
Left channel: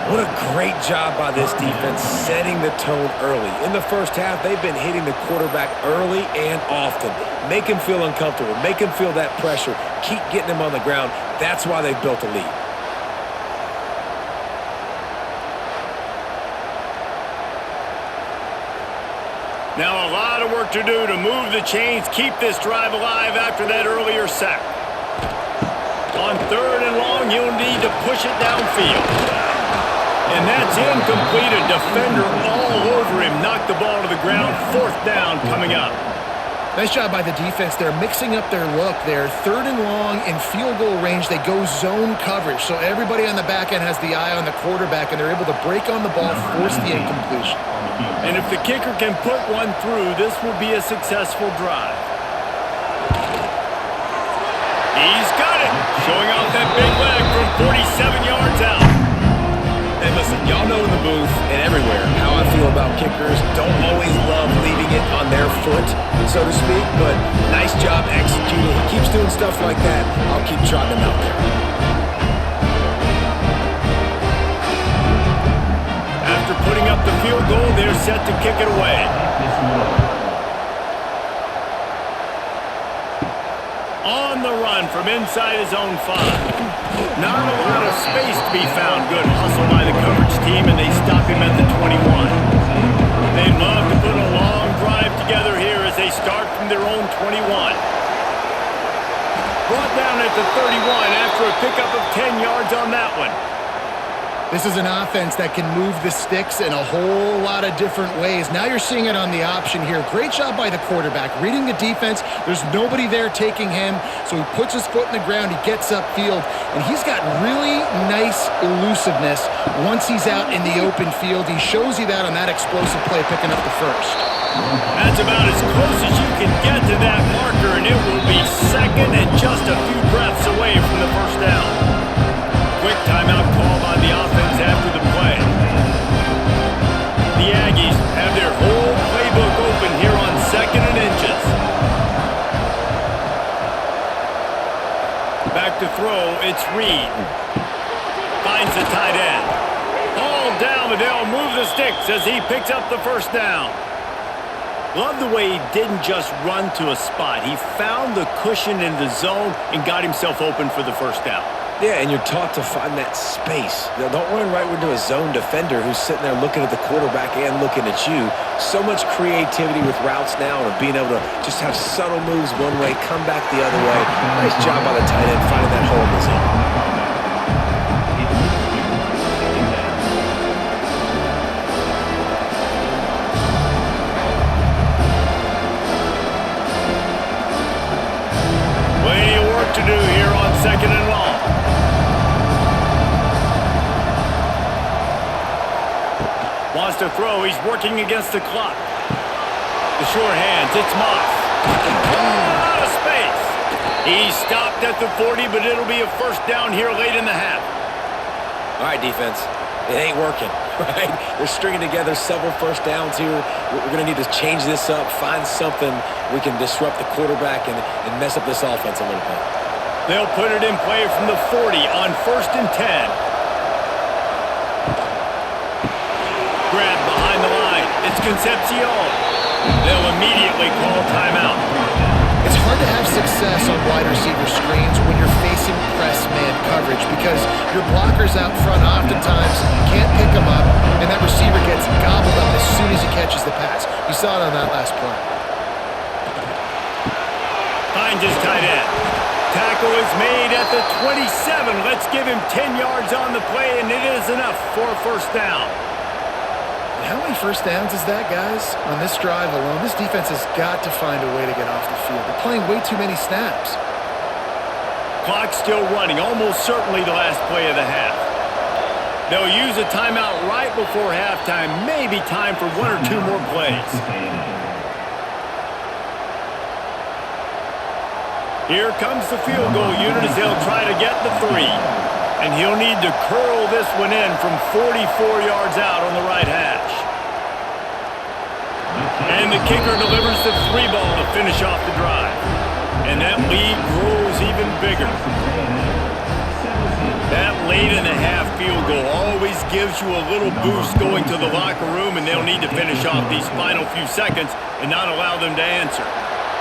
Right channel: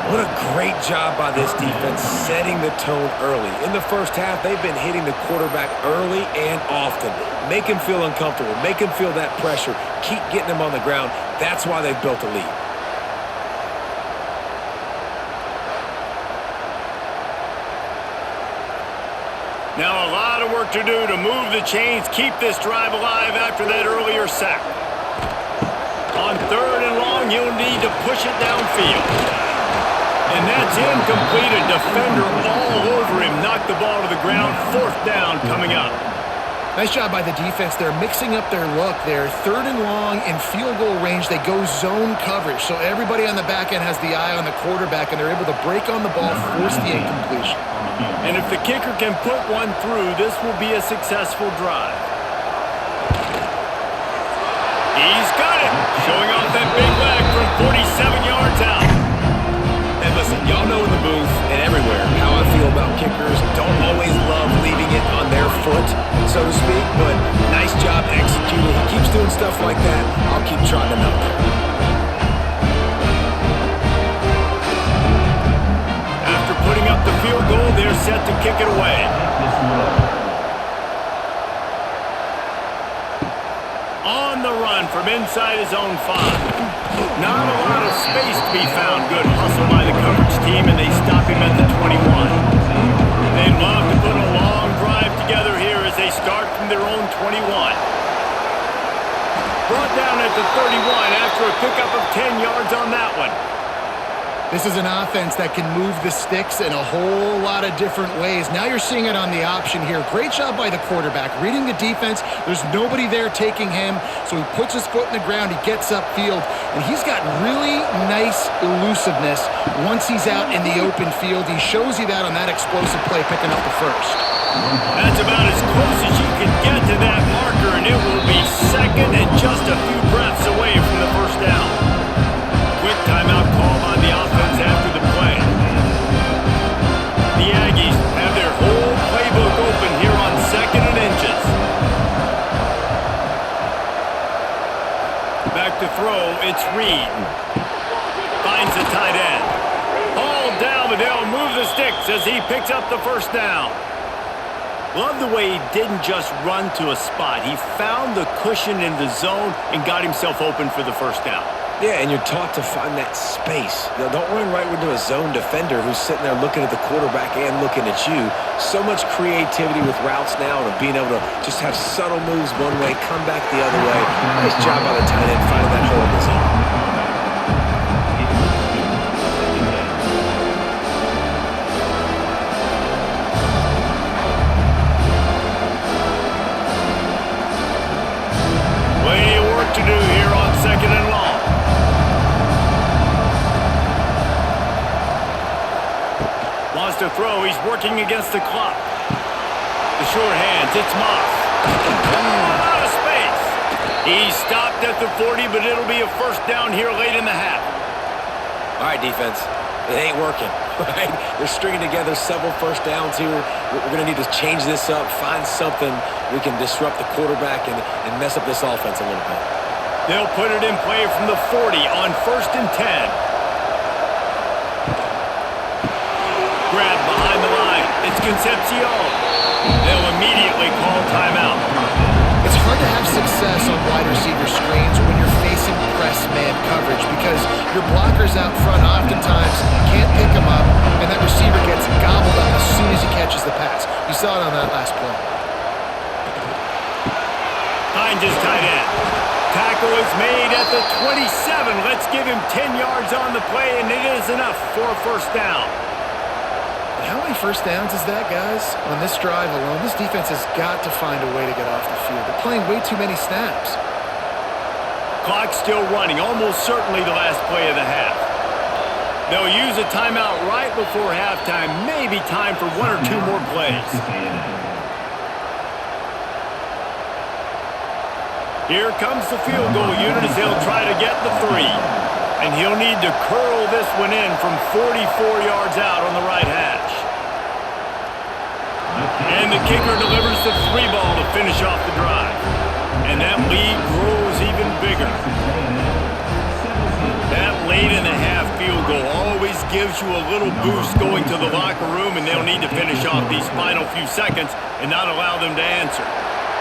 What a great job by this defense setting the tone early. In the first half, they've been hitting the quarterback early and often. Make him feel uncomfortable. Make him feel that pressure. Keep getting him on the ground. That's why they've built a lead. Now a lot of work to do to move the chains, keep this drive alive after that earlier sack. On third and long, you'll need to push it downfield. And that's incomplete. A defender all over him. Knocked the ball to the ground. Fourth down coming up. Nice job by the defense. They're mixing up their look there. Third and long in field goal range. They go zone coverage. So everybody on the back end has the eye on the quarterback, and they're able to break on the ball, force the incompletion. And if the kicker can put one through, this will be a successful drive. He's got it. Showing off that big leg from 47 yards out. And listen, y'all know in the booth and everywhere how I feel about kickers. Don't always love leaving it on their foot, so to speak, but nice job executing. He keeps doing stuff like that. I'll keep trotting him out there. After putting up the field goal, they're set to kick it away. On the run from inside his own 5. Not a lot of space to be found. Good hustle by the coverage team, and they stop him at the 21. They'd love to put a long drive together here as they start from their own 21. Brought down at the 31 after a pickup of 10 yards on that one. This is an offense that can move the sticks in a whole lot of different ways. Now you're seeing it on the option here. Great job by the quarterback. Reading the defense, there's nobody there taking him, so he puts his foot in the ground, he gets upfield, and he's got really nice elusiveness once he's out in the open field. He shows you that on that explosive play, picking up the first. That's about as close as you can get to that marker, and it will be second and just a few breaths away from the first down. Quick timeout called by the offense after the play. The Aggies have their whole playbook open here on second and inches. Back to throw, it's Reed. Finds the tight end. Hauled down, but they'll move the sticks as he picks up the first down. Love the way he didn't just run to a spot. He found the cushion in the zone and got himself open for the first down. Yeah, and you're taught to find that space. Don't run right into a zone defender who's sitting there looking at the quarterback and looking at you. So much creativity with routes now and being able to just have subtle moves one way, come back the other way. Nice job by the tight end finding that hole in the zone. Plenty of work to do here on 2nd and long. Wants to throw. He's working against the clock. The short hands. It's Moss. Oh, a lot of space. He stopped at the 40, but it'll be a first down here late in the half. All right, defense. It ain't working, right? They're stringing together several first downs here. We're going to need to change this up, find something we can disrupt the quarterback and mess up this offense a little bit. They'll put it in play from the 40 on 1st and 10. Grab behind the line. It's Concepcion. They'll immediately call timeout. It's hard to have success on wide receiver screens when you're facing press man coverage because your blockers out front oftentimes can't pick them up, and that receiver gets gobbled up as soon as he catches the pass. You saw it on that last play. Finds his tight end. Tackle is made at the 27. Let's give him 10 yards on the play, and it is enough for a first down. And how many first downs is that, guys? On this drive alone, this defense has got to find a way to get off the field. They're playing way too many snaps. Clock's still running, almost certainly the last play of the half. They'll use a timeout right before halftime, maybe time for one or two more plays. Here comes the field goal unit as they'll try to get the 3. And he'll need to curl this one in from 44 yards out on the right hash. And the kicker delivers the 3 ball to finish off the drive. And that lead grows even bigger. That late in the half field goal always gives you a little boost going to the locker room, and they'll need to finish off these final few seconds and not allow them to answer.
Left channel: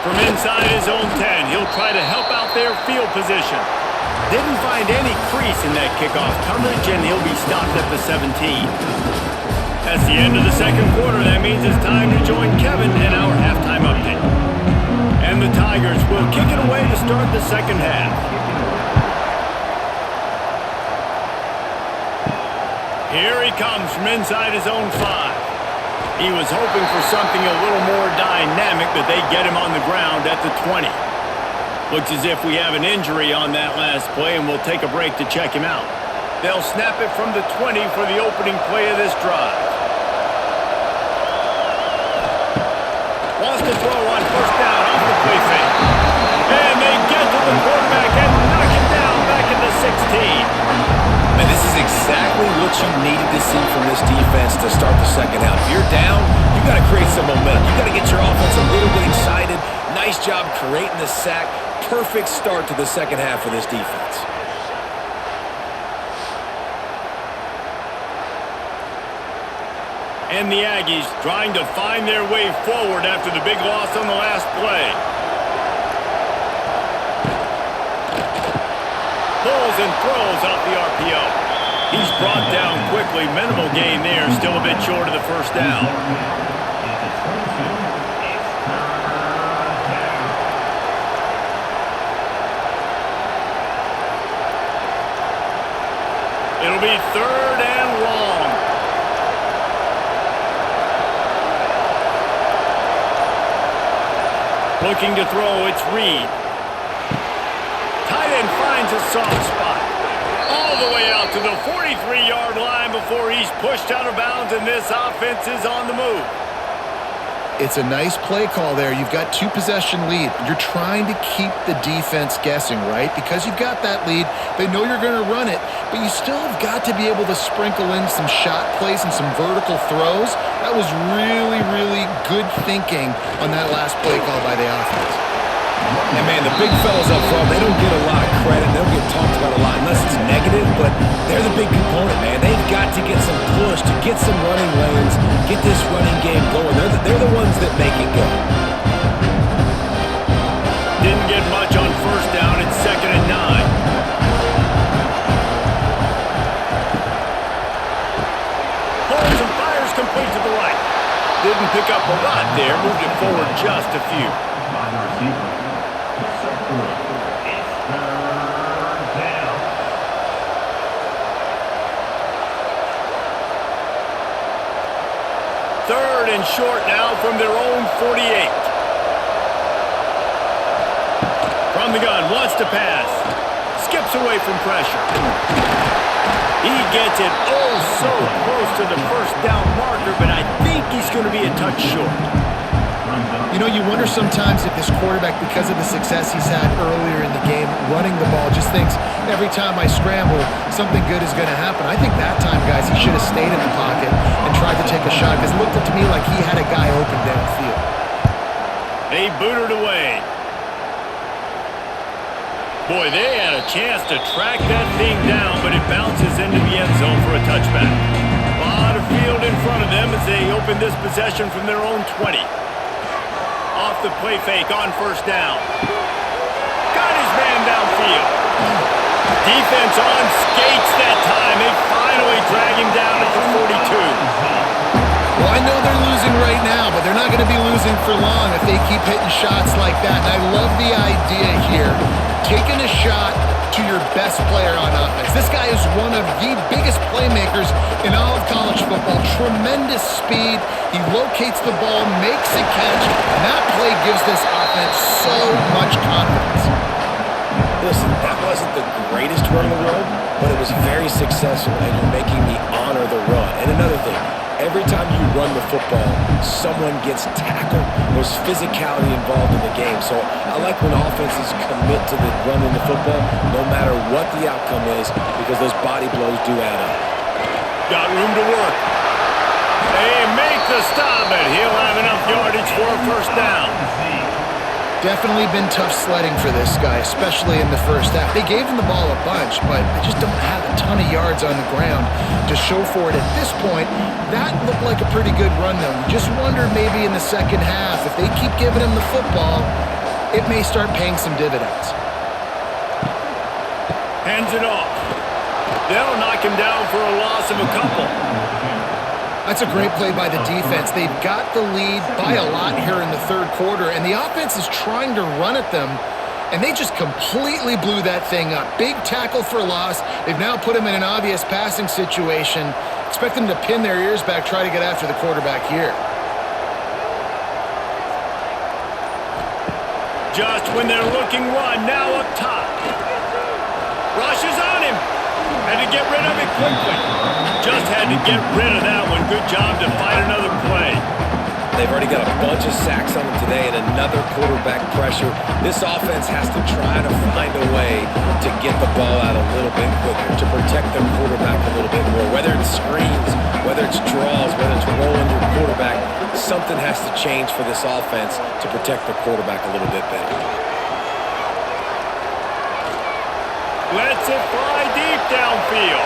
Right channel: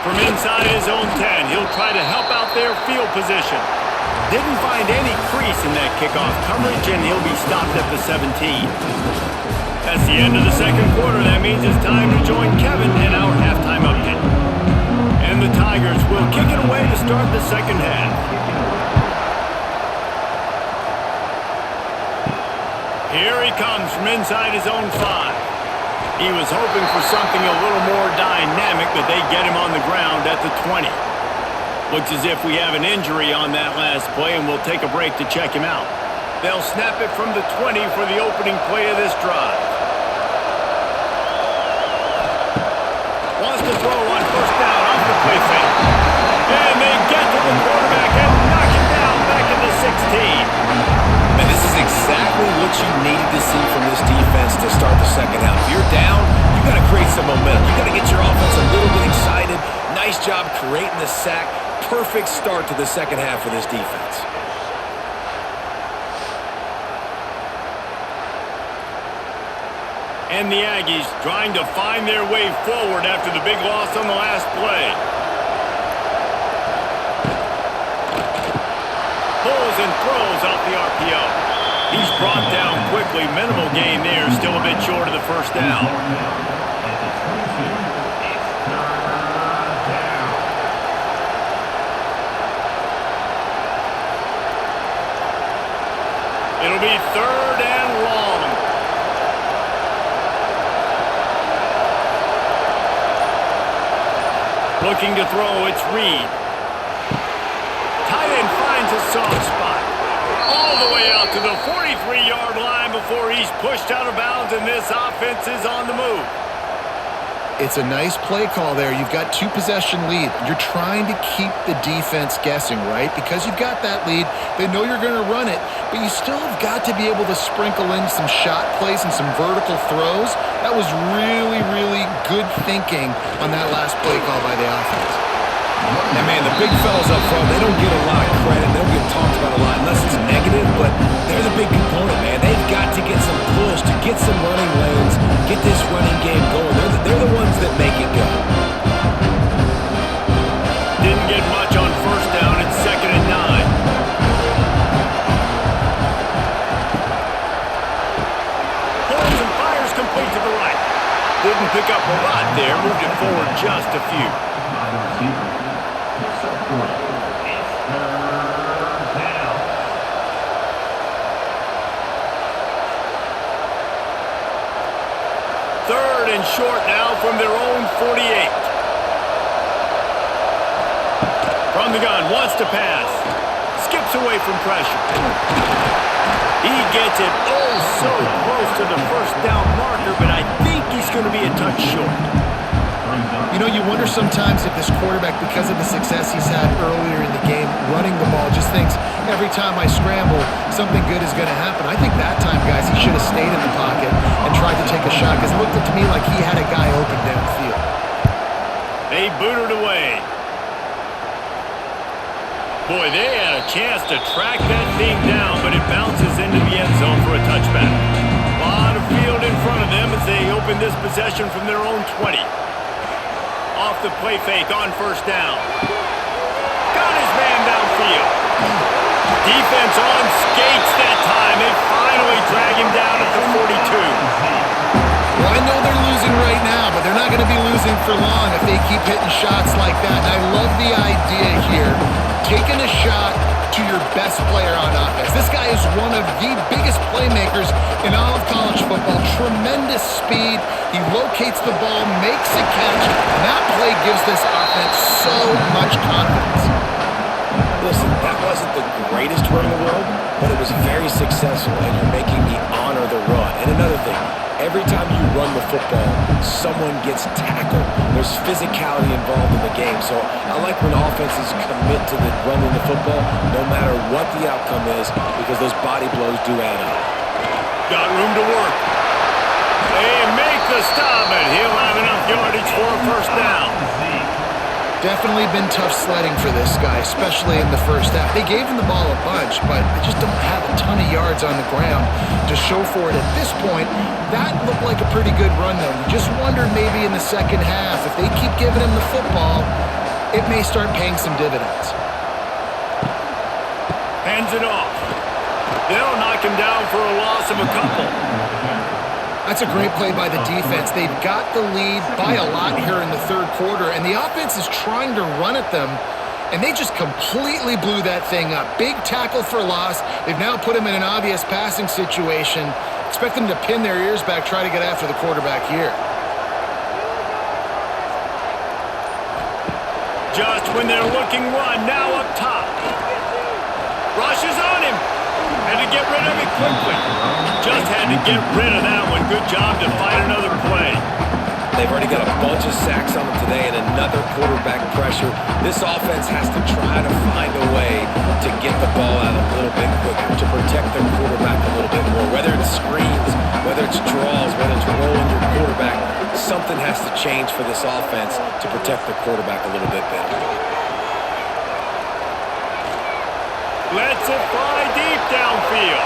From inside his own 10, he'll try to help out their field position. Didn't find any crease in that kickoff coverage, and he'll be stopped at the 17. That's the end of the second quarter. That means it's time to join Kevin in our halftime update. And the Tigers will kick it away to start the second half. Here he comes from inside his own 5. He was hoping for something a little more dynamic, but they get him on the ground at the 20. Looks as if we have an injury on that last play, and we'll take a break to check him out. They'll snap it from the 20 for the opening play of this drive. Wants to throw on first down off the play fake. And they get to the quarterback and knock him down back at the 16. Man, this is exactly what you needed to see from this defense to start the second half. If you're down, you got to create some momentum. You got to get your offense a little bit excited. Nice job creating the sack. Perfect start to the second half for this defense. And the Aggies trying to find their way forward after the big loss on the last play. Pulls and throws off the RPO. He's brought down quickly. Minimal gain there. Still a bit short of the first down. It'll be 3rd and long. Looking to throw, it's Reed. Tight end finds a soft spot. All the way out to the 43-yard line before he's pushed out of bounds, and this offense is on the move. It's a nice play call there. You've got 2-possession lead. You're trying to keep the defense guessing, right? Because you've got that lead. They know you're going to run it, but you still have got to be able to sprinkle in some shot plays and some vertical throws. That was really, really good thinking on that last play call by the offense. And, man, the big fellas up front, they don't get a lot of credit. They don't get talked about a lot unless it's negative, but they're the big component, man. They've got to get some push to get some running lanes, get this running game going. They're the ones that make it go. Didn't get much on first down. It's 2nd and 9. Didn't pick up a lot there, moved it forward just a few. By the receiver. Picks up 3. It's 3rd down. Third and short now from their own 48. From the gun, wants to pass. Skips away from pressure. He gets it oh so close to the first down marker, but I think he's going to be a touch short. You know, you wonder sometimes if this quarterback, because of the success he's had earlier in the game, running the ball, just thinks every time I scramble, something good is going to happen. I think that time, guys, he should have stayed in the pocket and tried to take a shot, because it looked to me like he had a guy open downfield. They booted away. Boy, they had a chance to track that thing down, but it bounces into the end zone for a touchback. A lot of field in front of them as they open this possession from their own 20. Off the play fake on first down. Got his man downfield. Defense on skates that time. They finally drag him down at the 42. Well, I know they're losing right now, but they're not going to be losing for long if they keep hitting shots like that. And I love the idea here, taking a shot to your best player on offense. This guy is one of the biggest playmakers in all of college football. Tremendous speed. He locates the ball, makes a catch, and that play gives this offense so much confidence. Listen, that wasn't the greatest run in the world, but it was very successful, and you're making me honor the run. And another thing, every time you run the football, someone gets tackled. There's physicality involved in the game. So I like when offenses commit to the running the football, no matter what the outcome is, because those body blows do add up. Got room to work. They make the stop, but he'll have enough yardage for a first down. Definitely been tough sledding for this guy, especially in the first half. They gave him the ball a bunch, but they just don't have a ton of yards on the ground to show for it at this point. That looked like a pretty good run, though. You just wonder maybe in the second half, if they keep giving him the football, it may start paying some dividends. Hands it off. They'll knock him down for a loss of a couple. That's a great play by the defense. They've got the lead by a lot here in the third quarter, and the offense is trying to run at them, and they just completely blew that thing up. Big tackle for loss. They've now put them in an obvious passing situation. Expect them to pin their ears back, try to get after the quarterback here. Just when they're looking run, now up top. Rushes on him. Had to get rid of it quickly. Just had to get rid of that one. Good job to fight another play. They've already got a bunch of sacks on them today and another quarterback pressure. This offense has to try to find a way to get the ball out a little bit quicker, to protect their quarterback a little bit more. Whether it's screens, whether it's draws, whether it's rolling your quarterback, something has to change for this offense to protect their quarterback a little bit better. Lets it fly deep downfield.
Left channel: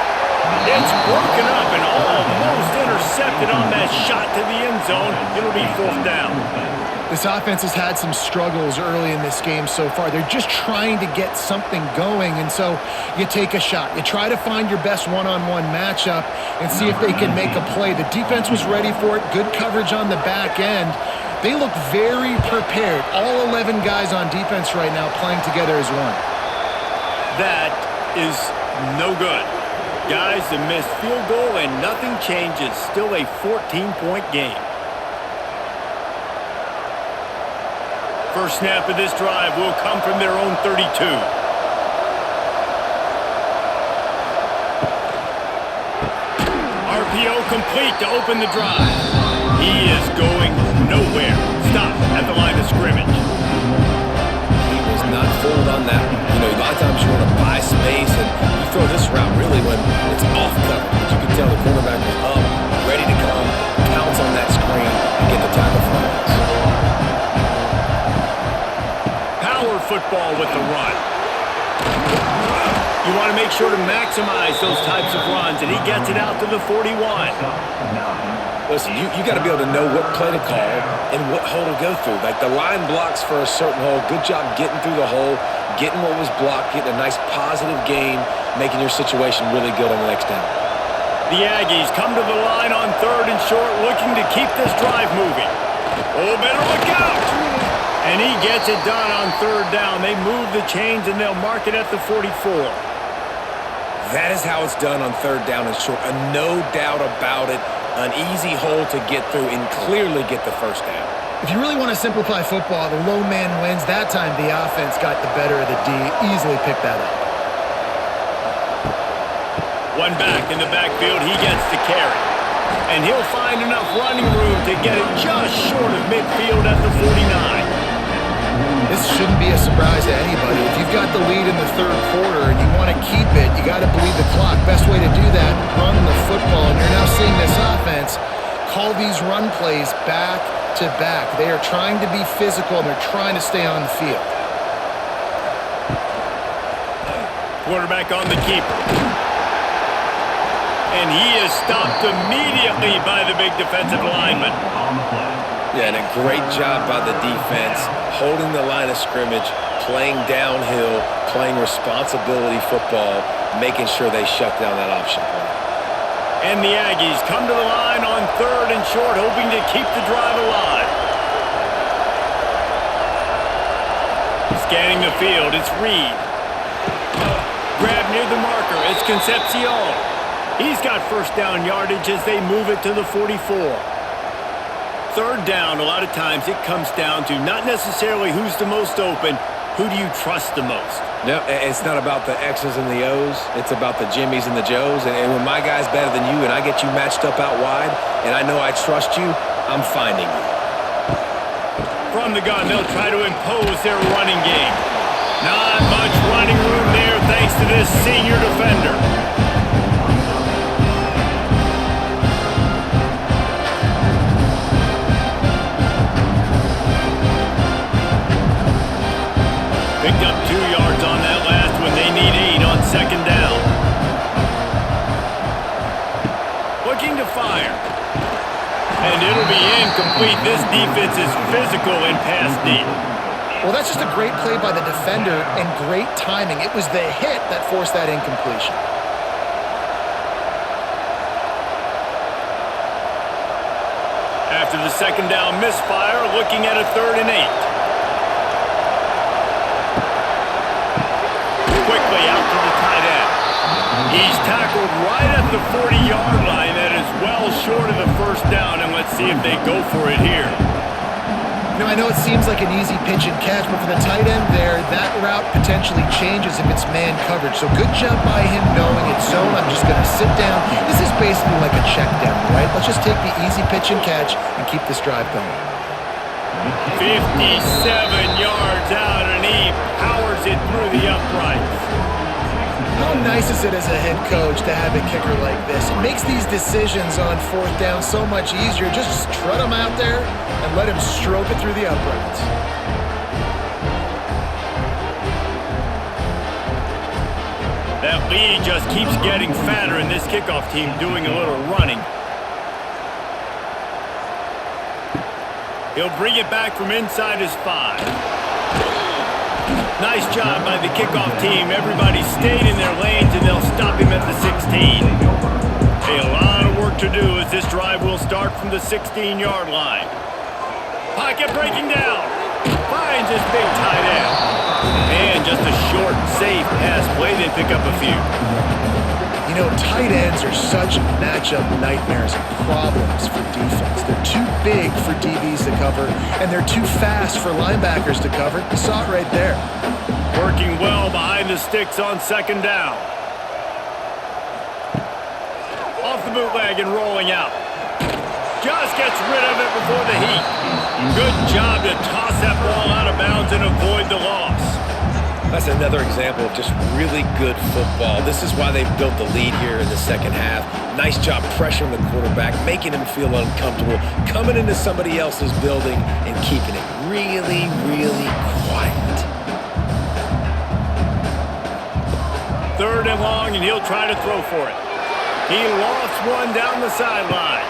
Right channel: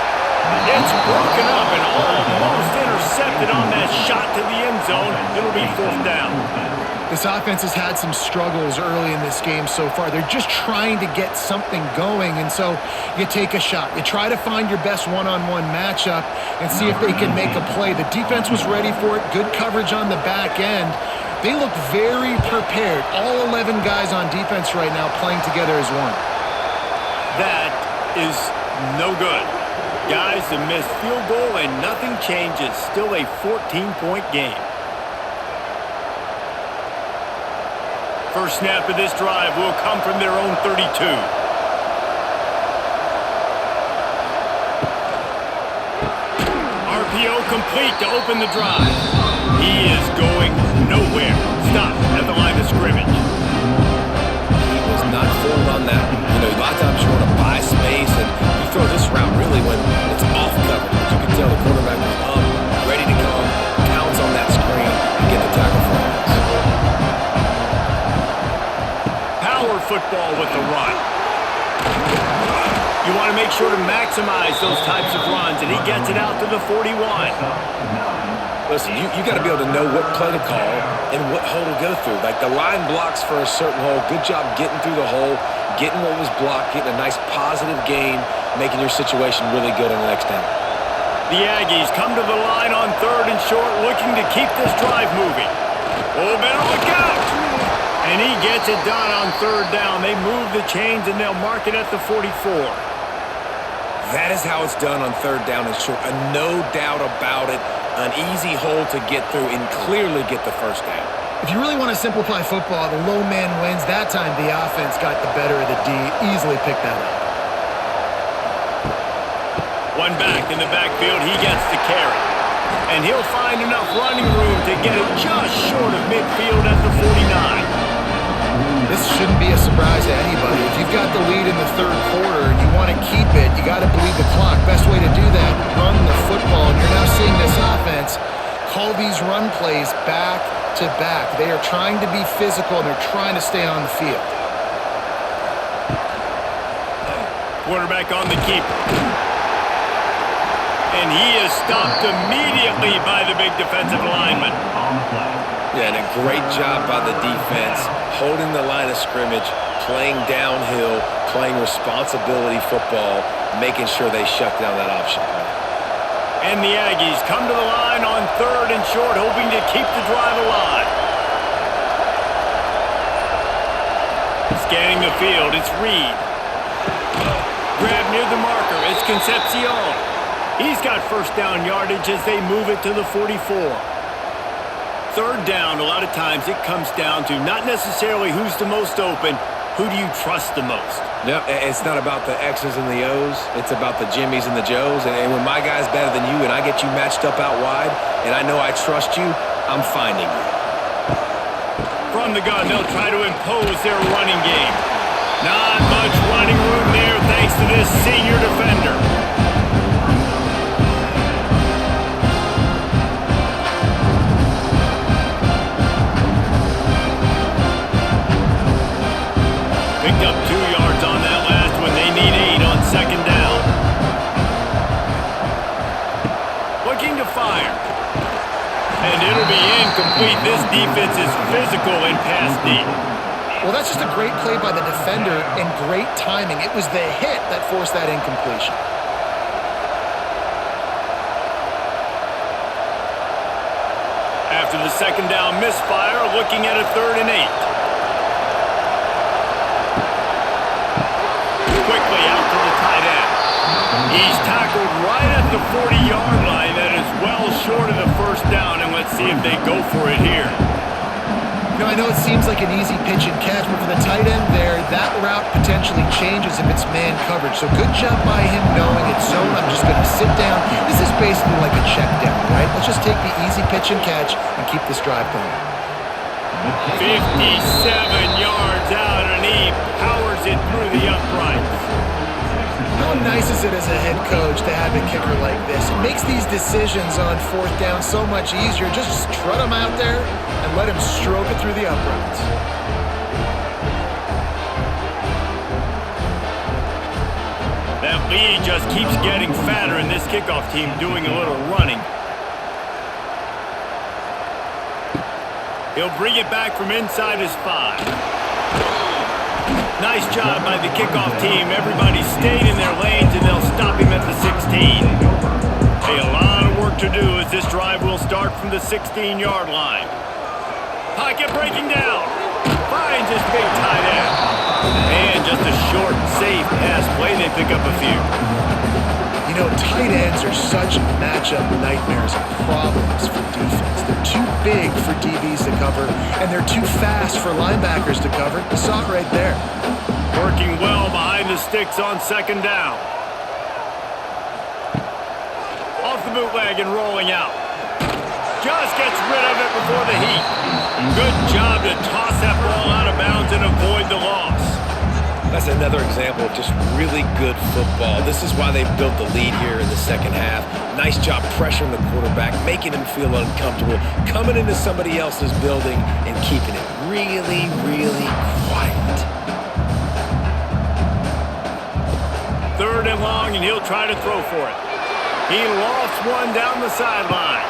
It's broken up and almost intercepted on that shot to the end zone. It'll be fourth down. This offense has had some struggles early in this game so far. They're just trying to get something going, and so you take a shot. You try to find your best one-on-one matchup and see if they can make a play. The defense was ready for it. Good coverage on the back end. They look very prepared. All 11 guys on defense right now playing together as one. That is no good. Guys, a missed field goal and nothing changes. Still a 14-point game. First snap of this drive will come from their own 32. RPO complete to open the drive. He is going nowhere. Stop at the line of scrimmage. He was not fooled on that one. You know, a lot of times you want to buy space, and you throw this route really when it's off coverage. But you can tell the quarterback was up, ready to come, pounce on that screen, and get the tackle for a loss. Power football with the run. You want to make sure to maximize those types of runs, and he gets it out to the 41. Listen, you got to be able to know what play to call and what hole to go through. Like the line blocks for a certain hole. Good job getting through the hole, getting what was blocked, getting a nice positive gain, making your situation really good on the next down. The Aggies come to the line on 3rd and short, looking to keep this drive moving. Oh, better look out! And he gets it done on 3rd down. They move the chains, and they'll mark it at the 44. That is how it's done on 3rd down and short. No doubt about it. An easy hole to get through and clearly get the 1st down. If you really want to simplify football, the low man wins. That time the offense got the better of the D. Easily picked that up. One back in the backfield, he gets the carry. And he'll find enough running room to get it just short of midfield at the 49. This shouldn't be a surprise to anybody. If you've got the lead in the 3rd quarter and you want to keep it, you got to bleed the clock. Best way to do that, run the football. And you're now seeing this offense call these run plays back to back. They are trying to be physical, and they're trying to stay on the field. Quarterback on the keeper. And he is stopped immediately by the big defensive lineman. On the play. Yeah, and a great job by the defense, holding the line of scrimmage, playing downhill, playing responsibility football, making sure they shut down that option play. And the Aggies come to the line on 3rd and short, hoping to keep the drive alive. Scanning the field, it's Reed. Grab near the marker, it's Concepcion. He's got 1st down yardage as they move it to the 44. 3rd down, a lot of times it comes down to not necessarily who's the most open, who do you trust the most? No, it's not about the X's and the O's. It's about the Jimmies and the Joes. And when my guy's better than you and I get you matched up out wide and I know I trust you, I'm finding you. From the gun, they'll try to impose their running game. Not much running room there thanks to this senior defender. Picked up 2 yards on that last one. They need 8 on 2nd down. Looking to fire. And it'll be incomplete. This defense is physical and pass deep. Well, that's just a great play by the defender and great timing. It was the hit that forced that incompletion. After the 2nd down misfire, looking at a 3rd and 8. Quickly out to the tight end. He's tackled right at the 40-yard line. That is well short of the 1st down, and let's see if they go for it here. You know, I know it seems like an easy pitch and catch, but for the tight end there, that route potentially changes if it's man coverage. So good job by him knowing it's zone. I'm just going to sit down. This is basically like a check down, right? Let's just take the easy pitch and catch and keep this drive going. 57 yards out, and he powers it through the uprights. How nice is it as a head coach to have a kicker like this? It makes these decisions on 4th down so much easier. Just strut him out there and let him stroke it through the uprights. That lead just keeps getting fatter, and this kickoff team doing a little running. He'll bring it back from inside his 5. Nice job by the kickoff team. Everybody stayed in their lanes, and they'll stop him at the 16. A lot of work to do as this drive will start from the 16-yard line. Pocket breaking down. Finds his big tight end. And just a short, safe pass play. They pick up a few. You know, tight ends are such matchup nightmares and problems for defense. They're too big for DBs to cover, and they're too fast for linebackers to cover. You saw it right there. Working well behind the sticks on 2nd down. Off the bootleg and rolling out. Just gets rid of it before the heat. Good job to toss that ball out of bounds and avoid the loss. That's another example of just really good football. This is why they've built the lead here in the 2nd half. Nice job pressuring the quarterback, making him feel uncomfortable, coming into somebody else's building and keeping it really, really quiet. 3rd and long, and he'll try to throw for it. He lofts one down the sideline.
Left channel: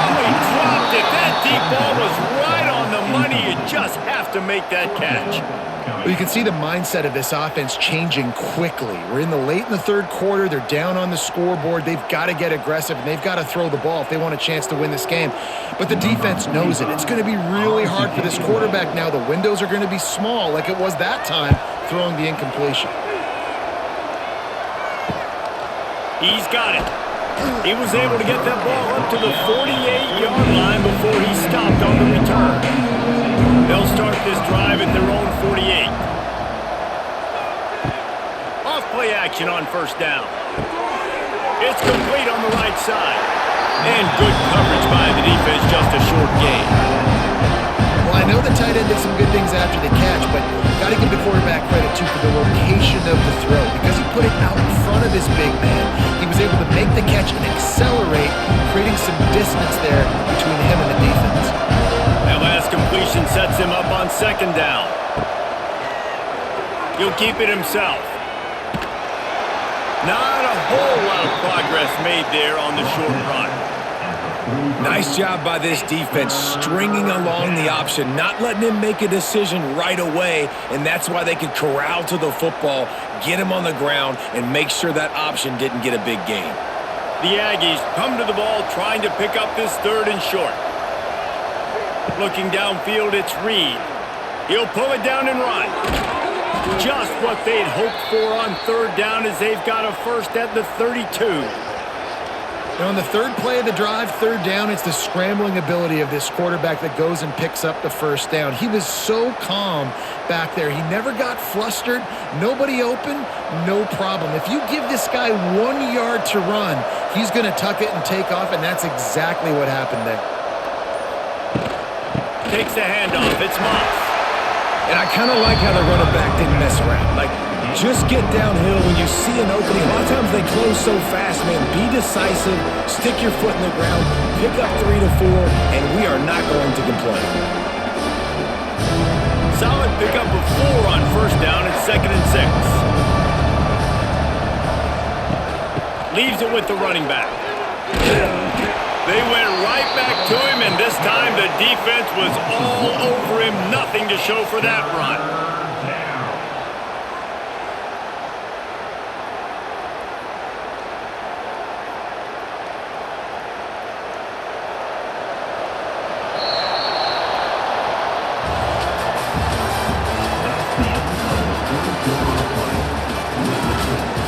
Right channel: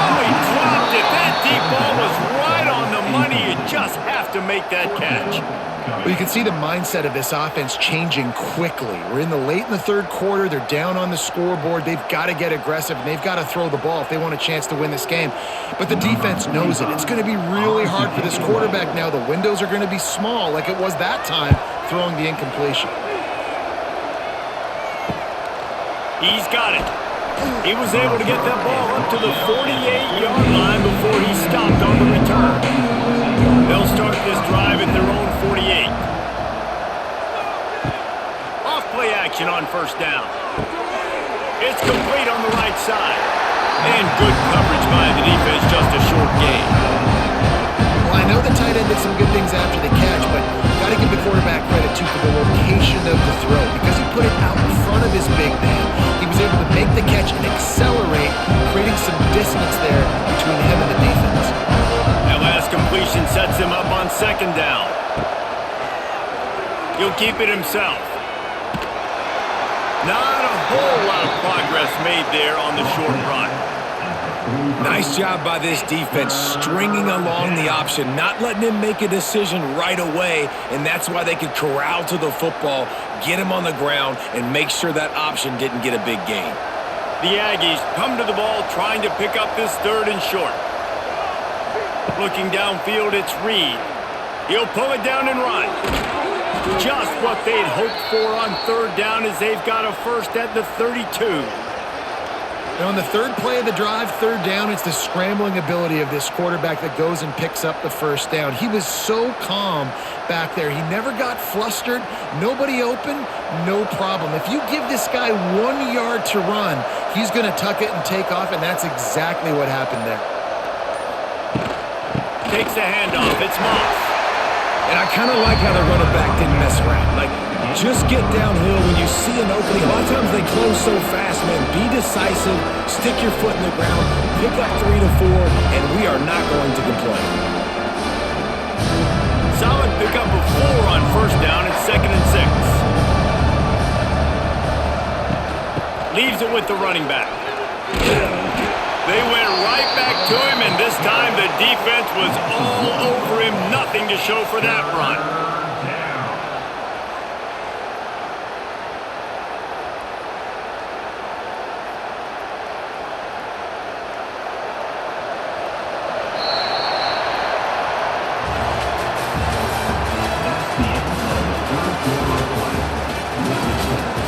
Oh, he dropped it. That deep ball was right on the money. You just have to make that catch. Well, you can see the mindset of this offense changing quickly. We're late in the third quarter. They're down on the scoreboard. They've got to get aggressive, and they've got to throw the ball if they want a chance to win this game. But the defense knows it. It's going to be really hard for this quarterback now. The windows are going to be small like it was that time throwing the incompletion. He's got it. He was able to get that ball up to the 48-yard line before he stopped on the return. They'll start this drive at their own 48. Off-play action on first down. It's complete on the right side. And good coverage by the defense, just a short gain. Well, I know the tight end did some good things after the catch, but got to give the quarterback credit, too, for the location of the throw. Because he put it out in front of his big man, he was able to make the catch and accelerate, creating some distance there between him and the defense. That last completion sets him up on second down. He'll keep it himself. Not a whole lot of progress made there on the short run. Nice job by this defense, stringing along the option, not letting him make a decision right away, and that's why they could corral to the football, get him on the ground, and make sure that option didn't get a big gain. The Aggies come to the ball trying to pick up this third and short. Looking downfield, it's Reed. He'll pull it down and run. Just what they'd hoped for on third down as they've got a first at the 32. And on the third play of the drive, third down, it's the scrambling ability of this quarterback that goes and picks up the first down. He was so calm back there. He never got flustered. Nobody open, no problem. If you give this guy 1 yard to run, he's going to tuck it and take off, and that's exactly what happened there. Takes the handoff. It's Moss. And I kind of like how the running back didn't mess around. Like, just get downhill when you see an opening. A lot of times they close so fast, man. Be decisive, stick your foot in the ground, pick up 3 to 4, and we are not going to complain. Solid pickup of 4 on first down. It's 2nd and 6. Leaves it with the running back. They went right back to him, and this time the defense was all over him. Nothing to show for that run.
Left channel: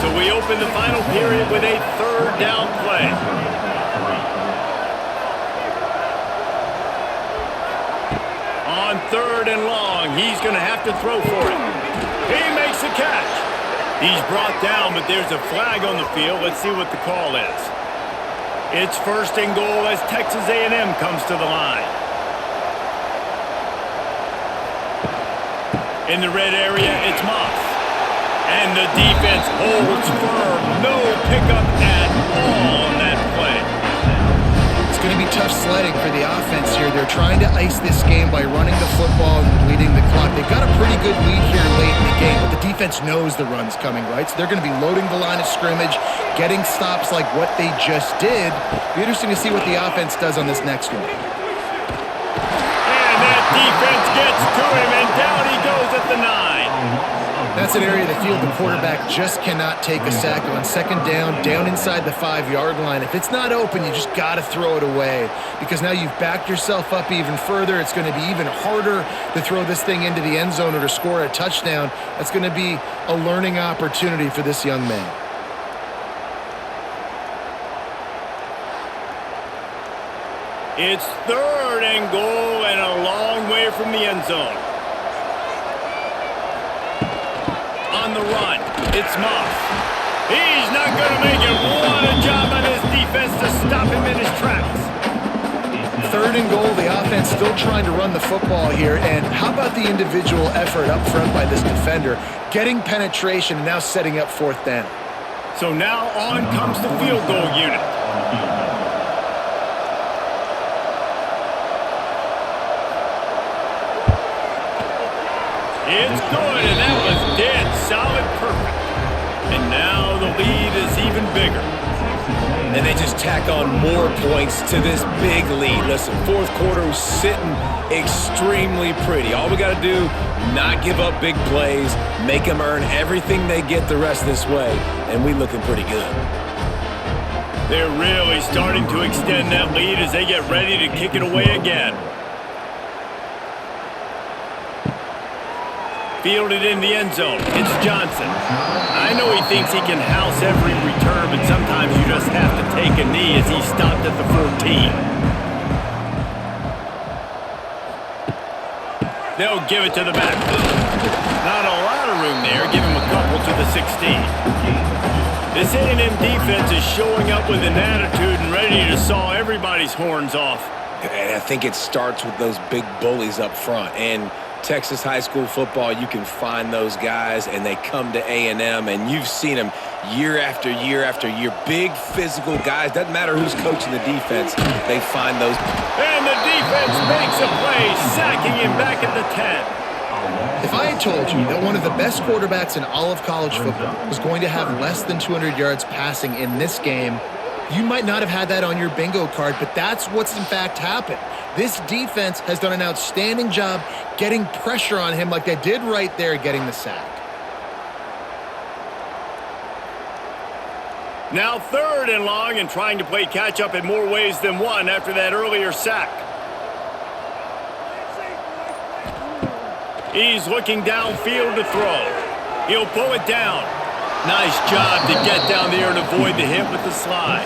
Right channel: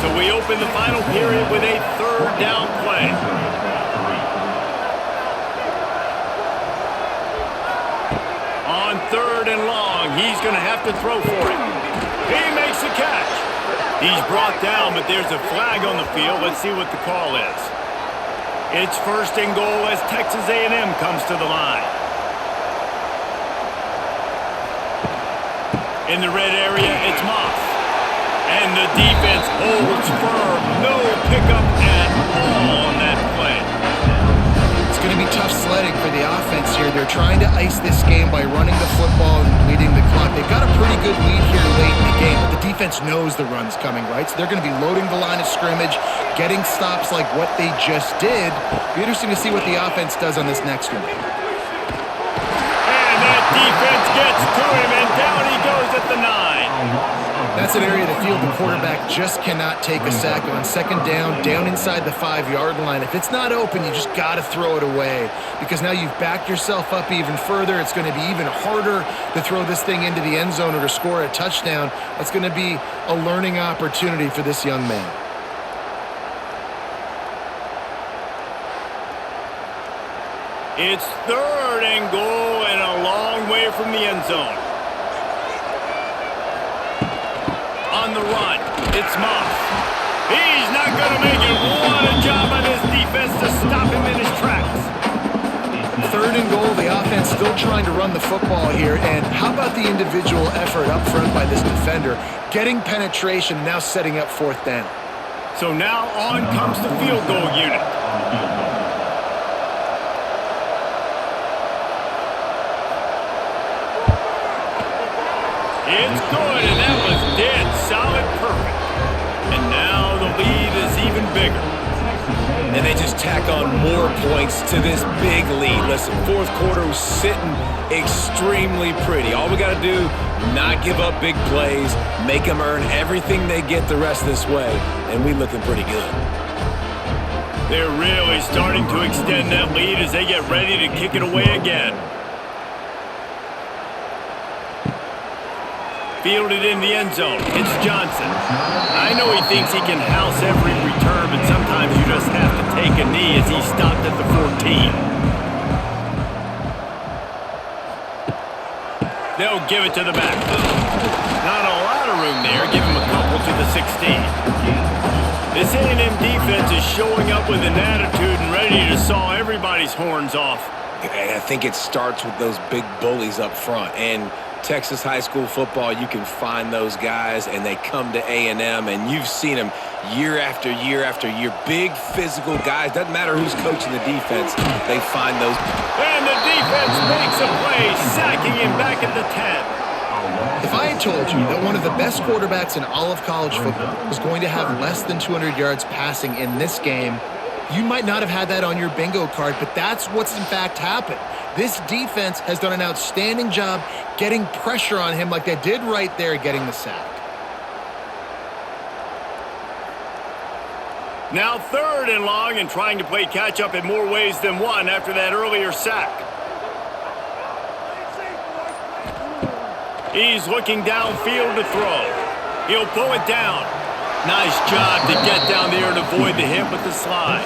So we open the final period with a third down play. On 3rd and long, he's going to have to throw for it. He makes the catch. He's brought down, but there's a flag on the field. Let's see what the call is. It's 1st and goal as Texas A&M comes to the line. In the red area, it's Moss. And the defense holds firm. No pickup at all on that play. It's going to be tough sledding for the offense here. They're trying to ice this game by running the football and bleeding the clock. They've got a pretty good lead here late in the game, but the defense knows the run's coming, right? So they're going to be loading the line of scrimmage, getting stops like what they just did. Be interesting to see what the offense does on this next one. And that defense gets to him, and down he goes at the 9. That's an area of the field the quarterback just cannot take a sack on. 2nd down inside the 5-yard line. If it's not open, you just got to throw it away because now you've backed yourself up even further. It's going to be even harder to throw this thing into the end zone or to score a touchdown. That's going to be a learning opportunity for this young man. It's 3rd and goal and a long way from the end zone. On the run, it's Moss. He's not going to make it. What a job by this defense to stop him in his tracks. 3rd and goal, the offense still trying to run the football here. And how about the individual effort up front by this defender? Getting penetration and now setting up 4th down. So now on comes the field goal unit. It's good, and that was dead solid perfect. And now the lead is even bigger. and they just tack on more points to this big lead. Listen, fourth quarter was sitting extremely pretty. All we got to do, not give up big plays, make them earn everything they get the rest of this way, and we looking pretty good. They're really starting to extend that lead as they get ready to kick it away again. Fielded in the end zone. It's Johnson. I know he thinks he can house every return, but sometimes you just have to take a knee as he stopped at the 14. They'll give it to the back. Not a lot of room there. Give him a couple to the 16. This A&M defense is showing up with an attitude and ready to saw everybody's horns off. And I think it starts with those big bullies up front. And Texas high school football, you can find those guys, and they come to A&M, and you've seen them year after year after year. Big physical guys. Doesn't matter who's coaching the defense. They find those. And the defense makes a play, sacking him back at the 10. If I had told you that one of the best quarterbacks in all of college football was going to have less than 200 yards passing in this game, you might not have had that on your bingo card, but that's what's in fact happened. This defense has done an outstanding job getting pressure on him like they did right there getting the sack. Now 3rd and long and trying to play catch up in more ways than one after that earlier sack. He's looking downfield to throw. He'll pull it down. Nice job to get down there and avoid the hit with the slide.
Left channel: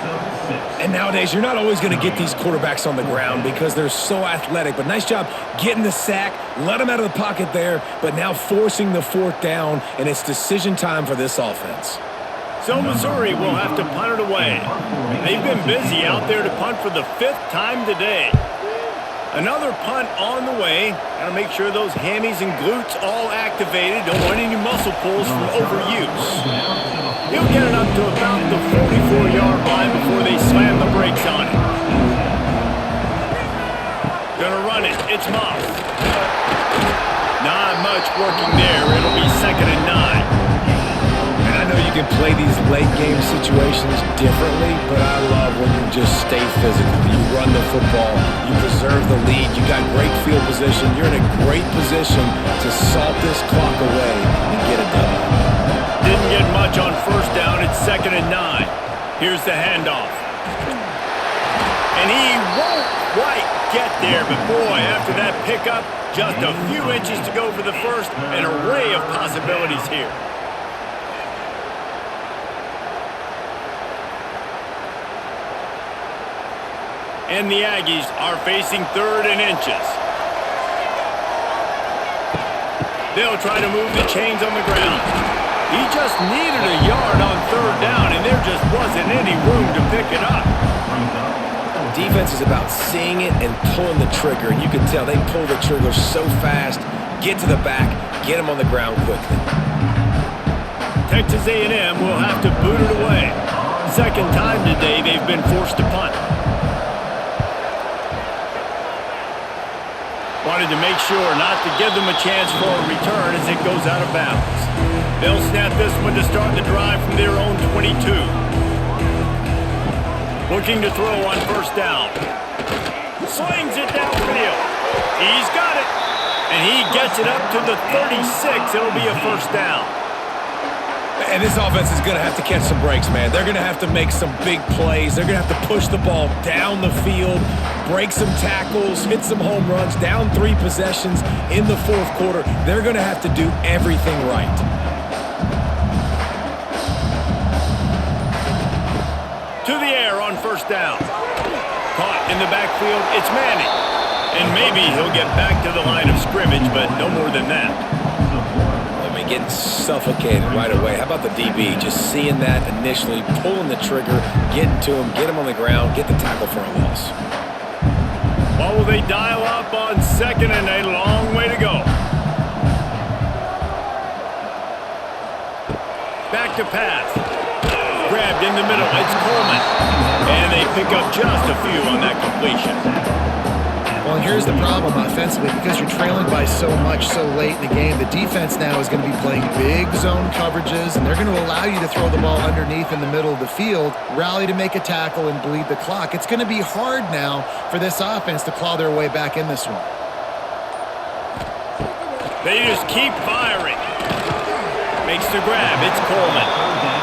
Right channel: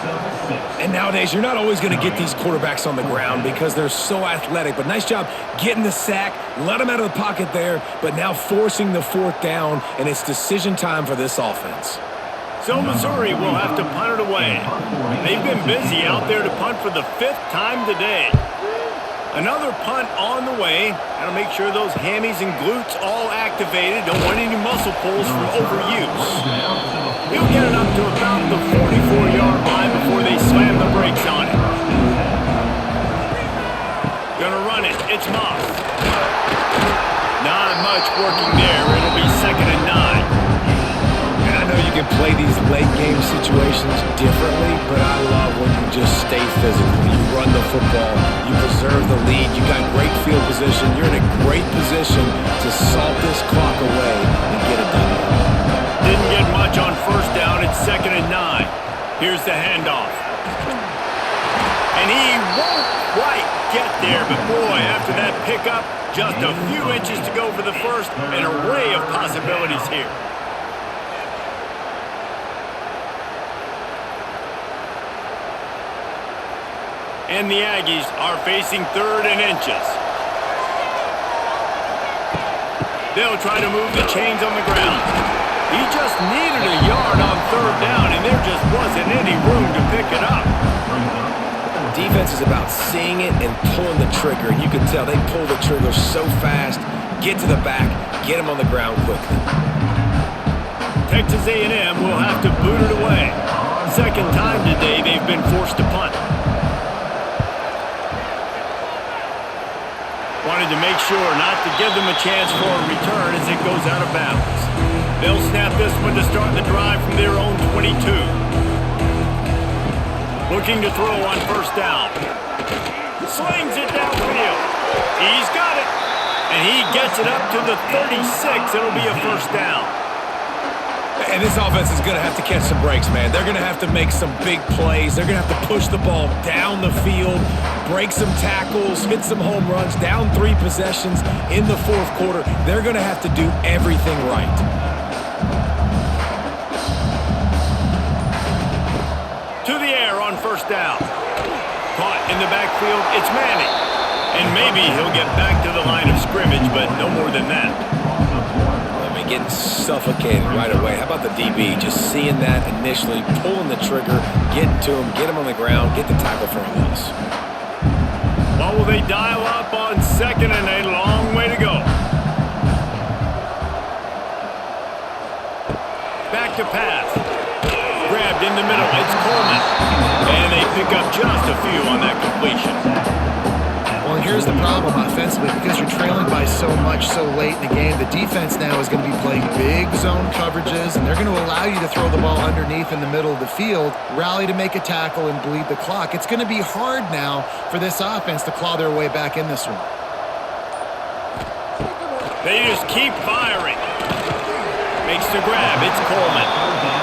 And nowadays, you're not always going to get these quarterbacks on the ground because they're so athletic. But nice job getting the sack, let them out of the pocket there, but now forcing the 4th down, and it's decision time for this offense. So Missouri will have to punt it away. They've been busy out there to punt for the 5th time today. Another punt on the way. Got to make sure those hammies and glutes all activated. Don't want any muscle pulls from overuse. He'll get it up to about the 44-yard line before they slam the brakes on it. Gonna run it. It's Moss. Not much working there. It'll be 2nd and 9. And I know you can play these late game situations differently, but I love when you just stay physical. You run the football, you preserve the lead, you got great field position, you're in a great position to salt this clock away and get a W. Didn't get much on 1st down, it's 2nd and 9. Here's the handoff. And he won't quite get there, but boy, after that pickup, just a few inches to go for the 1st, an array of possibilities here. And the Aggies are facing 3rd and inches. They'll try to move the chains on the ground. He just needed a yard on 3rd down, and there just wasn't any room to pick it up. Defense is about seeing it and pulling the trigger, and you can tell they pull the trigger so fast, get to the back, get him on the ground quickly. Texas A&M will have to boot it away. 2nd time today they've been forced to punt. Wanted to make sure not to give them a chance for a return as it goes out of bounds. They'll snap this one to start the drive from their own 22. Looking to throw on 1st down. Slings it downfield. He's got it. And he gets it up to the 36. It'll be a 1st down. And this offense is going to have to catch some breaks, man. They're going to have to make some big plays. They're going to have to push the ball down the field, break some tackles, hit some home runs, down 3 possessions in the 4th quarter. They're going to have to do everything right. To the air on 1st down. Caught in the backfield, it's Manning. And maybe he'll get back to the line of scrimmage, but no more than that. Getting suffocated right away. How about the DB? Just seeing that initially, pulling the trigger, getting to him, get him on the ground, get the tackle for a loss. Well, will they dial up on 2nd and a long way to go? Back to pass. Grabbed in the middle. It's Coleman. And they pick up just a few on that completion. Well, and here's the problem offensively. Because you're trailing by so much so late in the game, the defense now is going to be playing big zone coverages, and they're going to allow you to throw the ball underneath in the middle of the field, rally to make a tackle, and bleed the clock. It's going to be hard now for this offense to claw their way back in this one. They just keep firing. Makes the grab. It's Coleman.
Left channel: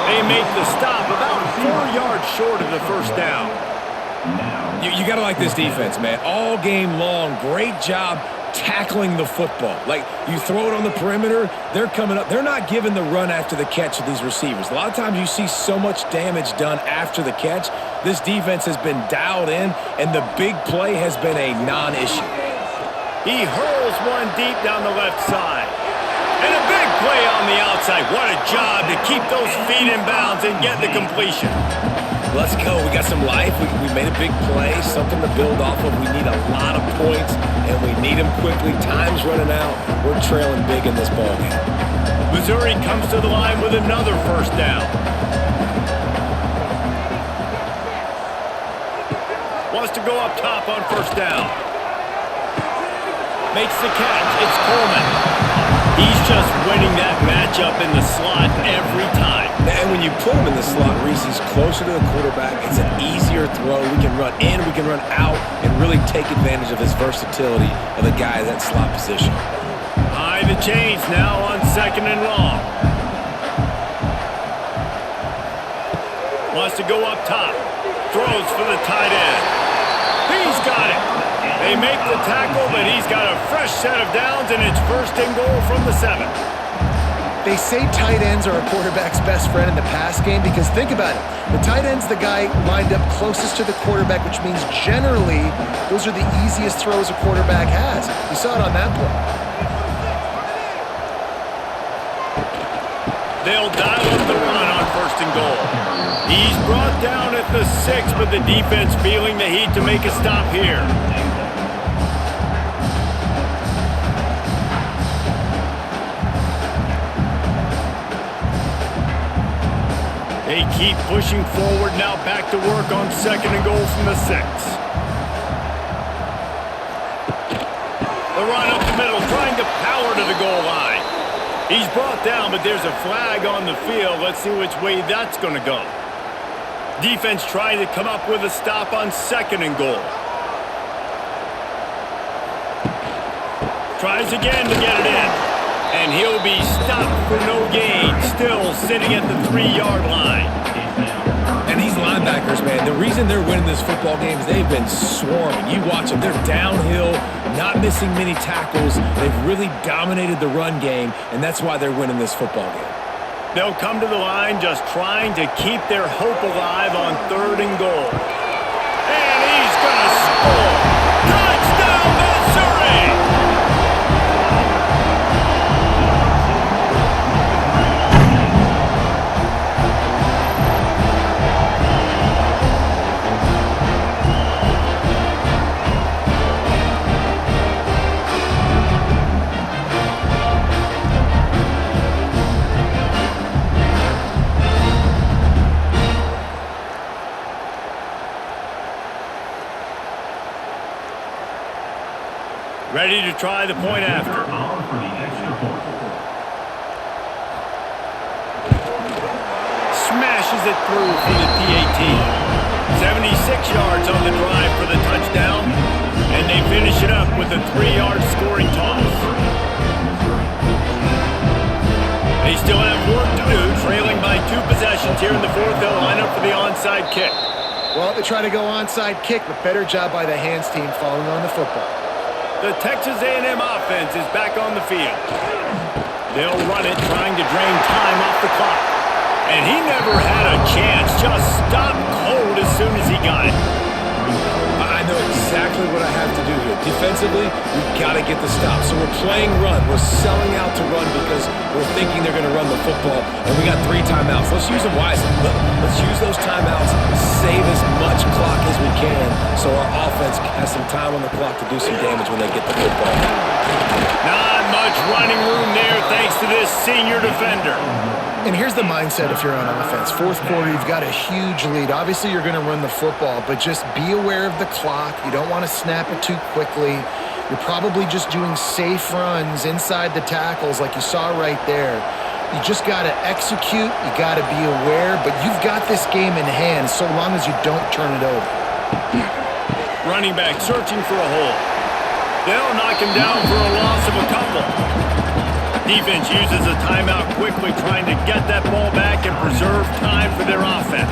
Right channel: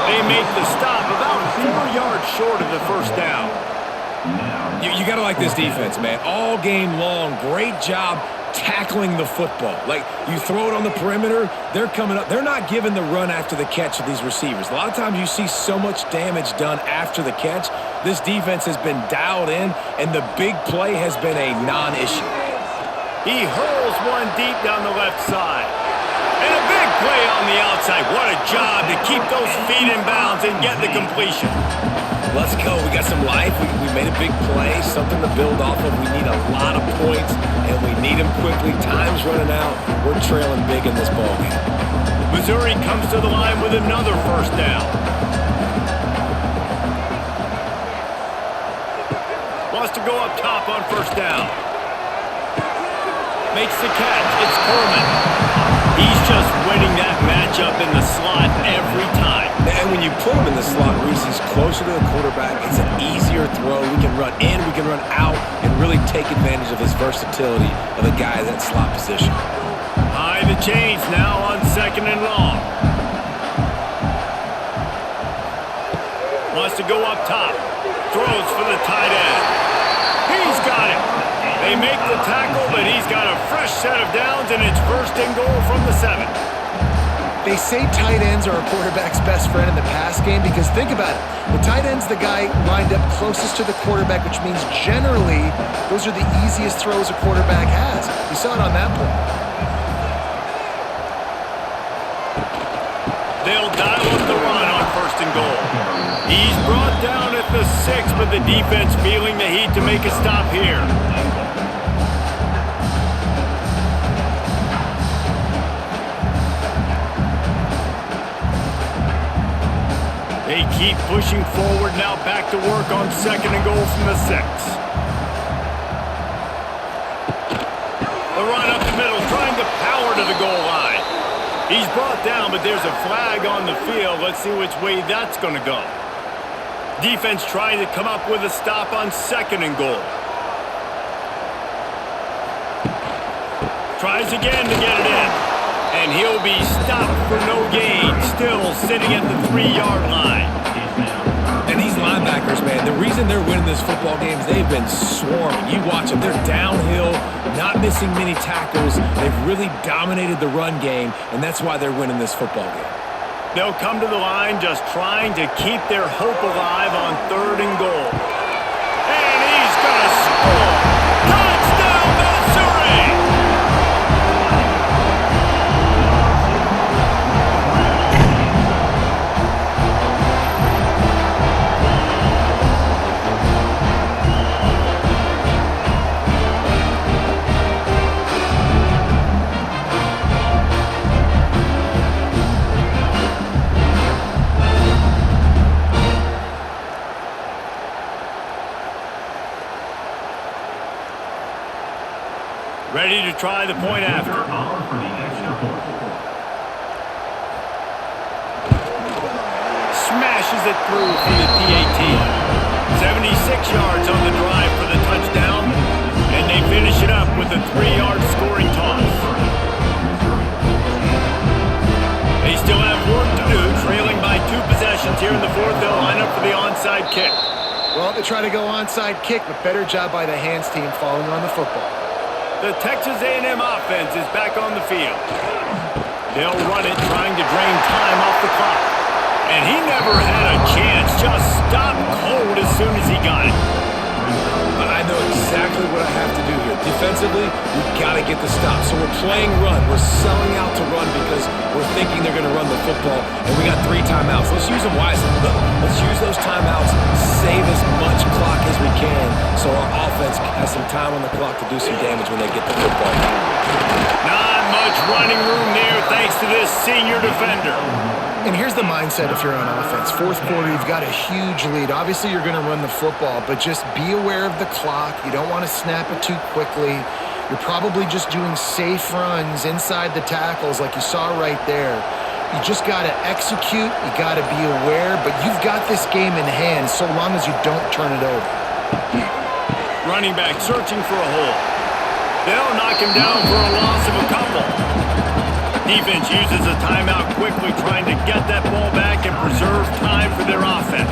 They make the stop about 4 yards short of the first down. You got to like this defense, man. All game long, great job tackling the football. Like, you throw it on the perimeter, they're coming up. They're not giving the run after the catch of these receivers. A lot of times you see so much damage done after the catch. This defense has been dialed in, and the big play has been a non-issue. He hurls one deep down the left side. And a big play on the outside. What a job to keep those feet in bounds and get the completion. Let's go. We got some life. We made a big play, something to build off of. We need a lot of points, and we need them quickly. Time's running out. We're trailing big in this ballgame. Missouri comes to the line with another first down. Wants to go up top on first down. Makes the catch. It's Coleman. He's just winning that matchup in the slot every time. And when you put him in the slot, Reese, he's closer to the quarterback. It's an easier throw. We can run in, we can run out, and really take advantage of his versatility of the guy in that slot position. High the chains now on second and long. Wants to go up top. Throws for the tight end. He's got it. They make the tackle, but he's got a fresh set of downs, and it's first and goal from the 7. They say tight ends are a quarterback's best friend in the pass game because think about it. The tight end's the guy lined up closest to the quarterback, which means generally those are the easiest throws a quarterback has. You saw it on that play. They'll dial up the run on first and goal. He's brought down at the 6, but the defense feeling the heat to make a stop here. They keep pushing forward, now back to work on second and goal from the 6. The run up the middle, trying to power to the goal line. He's brought down, but there's a flag on the field. Let's see which way that's going to go. Defense trying to come up with a stop on second and goal. Tries again to get it in. And he'll be stopped for no gain, still sitting at the 3-yard line. And these linebackers, man, the reason they're winning this football game is they've been swarming. You watch them. They're downhill, not missing many tackles. They've really dominated the run game, and that's why they're winning this football game. They'll come to the line just trying to keep their hope alive on third and goal. And he's going to score. Touchdown, Missouri! Ready to try the point after. Smashes it through for the PAT. 76 yards on the drive for the touchdown. And they finish it up with a 3-yard scoring toss. They still have work to do, trailing by 2 possessions here in the 4th. They'll line up for the onside kick. Well, they try to go onside kick, but better job by the hands team falling on the football. The Texas A&M offense is back on the field. They'll run it, trying to drain time off the clock. And he never had a chance, just stopped cold as soon as he got it. I know exactly what I have to do here. Defensively, we've got to get the stop. So we're playing run. We're selling out to run because we're thinking they're going to run the football, and we got 3 timeouts. Let's use them wisely. Let's use those timeouts, save as much clock as we can so our offense has some time on the clock to do some damage when they get the football back. Not much running room there thanks to this senior defender. And here's the mindset if you're on offense. Fourth quarter, you've got a huge lead. Obviously, you're going to run the football, but just be aware of the clock. You don't want to snap it too quickly. You're probably just doing safe runs inside the tackles like you saw right there. You just got to execute. You got to be aware, but you've got this game in hand so long as you don't turn it over. Running back searching for a hole. They'll knock him down for a loss of a couple. Defense uses a timeout quickly, trying to get that ball back and preserve time for their offense.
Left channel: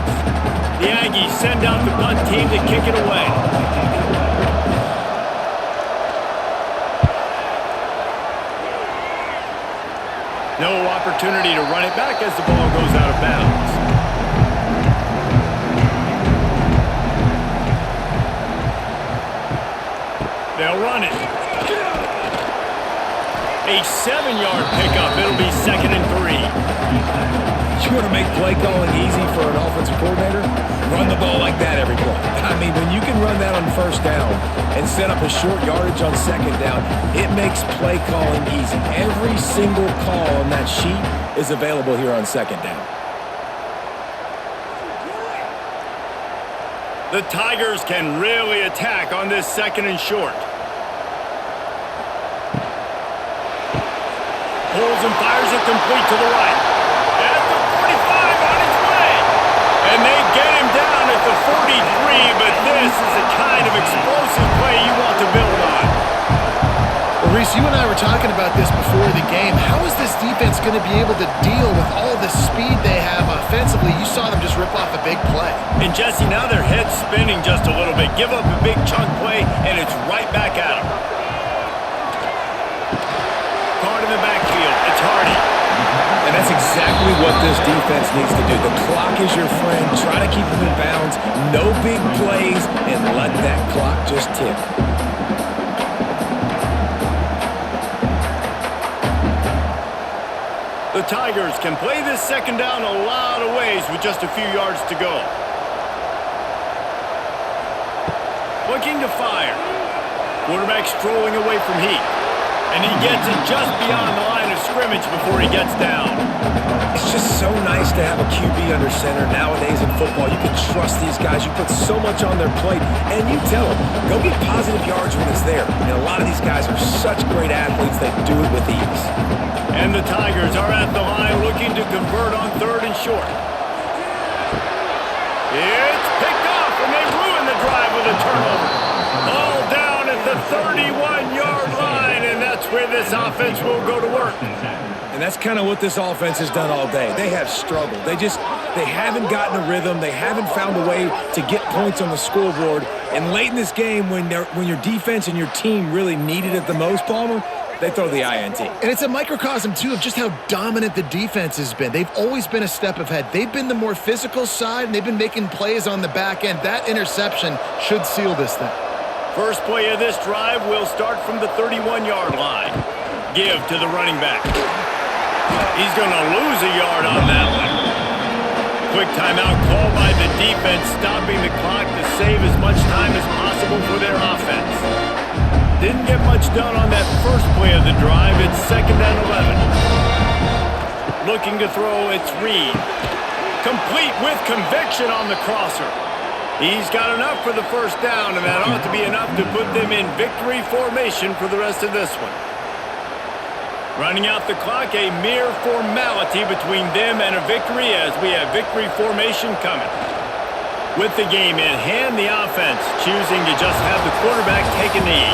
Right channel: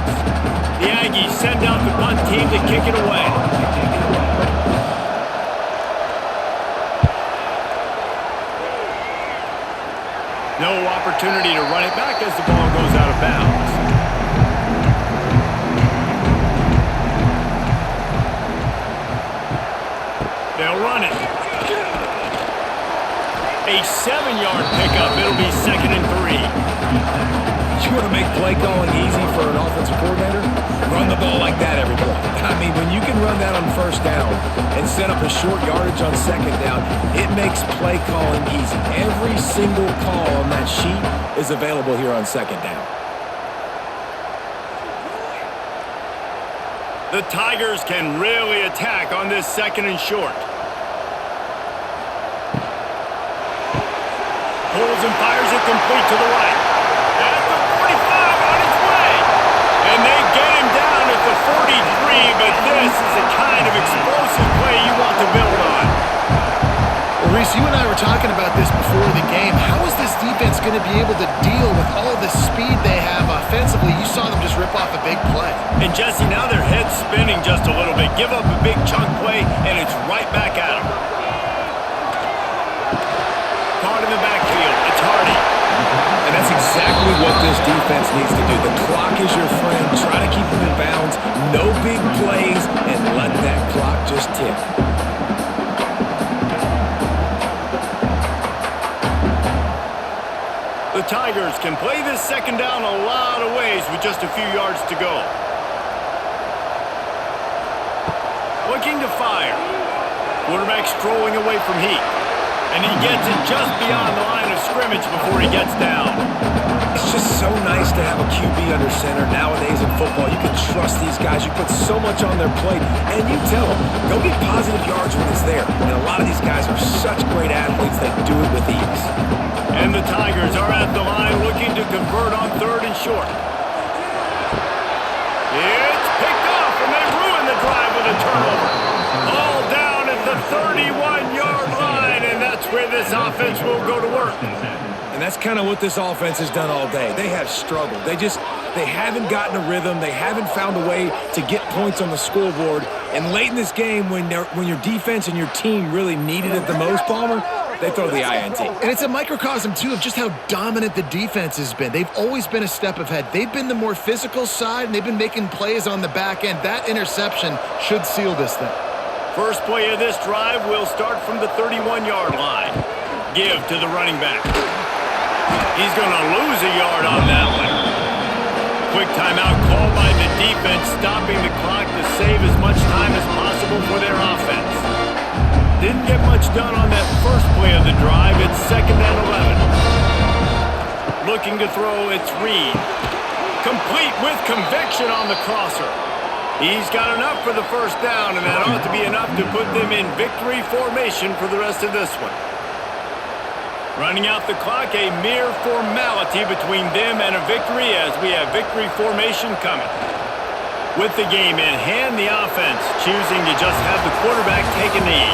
The Aggies send out the punt team to kick it away. No opportunity to run it back as the ball goes out of bounds. They'll run it. A 7-yard pickup. It'll be 2nd and 3. You want to make play calling easy for an offensive coordinator? Run the ball like that every play. I mean, when you can run that on first down and set up a short yardage on second down, it makes play calling easy. Every single call on that sheet is available here on second down. The Tigers can really attack on this 2nd and short. Pulls and fires it complete to the right. At the 45 on its way. And they get him down at the 43, but this is the kind of explosive play you want to build on. Well, Reese, you and I were talking about this before the game. How is this defense going to be able to deal with all the speed they have offensively? You saw them just rip off a big play. And Jesse, now their head's spinning just a little bit. Give up a big chunk play, and it's right back at them. Caught in the backfield. It's Hardy. And that's exactly what this defense needs to do. The clock is your friend. Try to keep them in bounds. No big plays, and let that clock just tick. The Tigers can play this 2nd down a lot of ways with just a few yards to go. Looking to fire. Quarterback strolling away from heat. And he gets it just beyond the line of scrimmage before he gets down. It's just so nice to have a QB under center. Nowadays in football, you can trust these guys. You put so much on their plate, and you tell them, go get positive yards when it's there. And a lot of these guys are such great athletes, they do it with ease. And the Tigers are at the line looking to convert on 3rd and short. It's picked off, and they ruin the drive with a turnover. All down at the 31-yard line, and that's where this offense will go to work. And that's kind of what this offense has done all day. They have struggled. They haven't gotten a rhythm. They haven't found a way to get points on the scoreboard. And late in this game, when your defense and your team really needed it the most, Palmer, they throw the INT. And it's a microcosm, too, of just how dominant the defense has been. They've always been a step ahead. They've been the more physical side, and they've been making plays on the back end. That interception should seal this thing. First play of this drive will start from the 31-yard line. Give to the running back. He's going to lose a yard on that one. Quick timeout called by the defense, stopping the clock to save as much time as possible for their offense. Didn't get much done on that first play of the drive. It's 2nd and 11. Looking to throw, it's Reed. Complete with conviction on the crosser. He's got enough for the first down, and that ought to be enough to put them in victory formation for the rest of this one. Running out the clock, a mere formality between them and a victory as we have victory formation coming. With the game in hand, the offense choosing to just have the quarterback take a knee.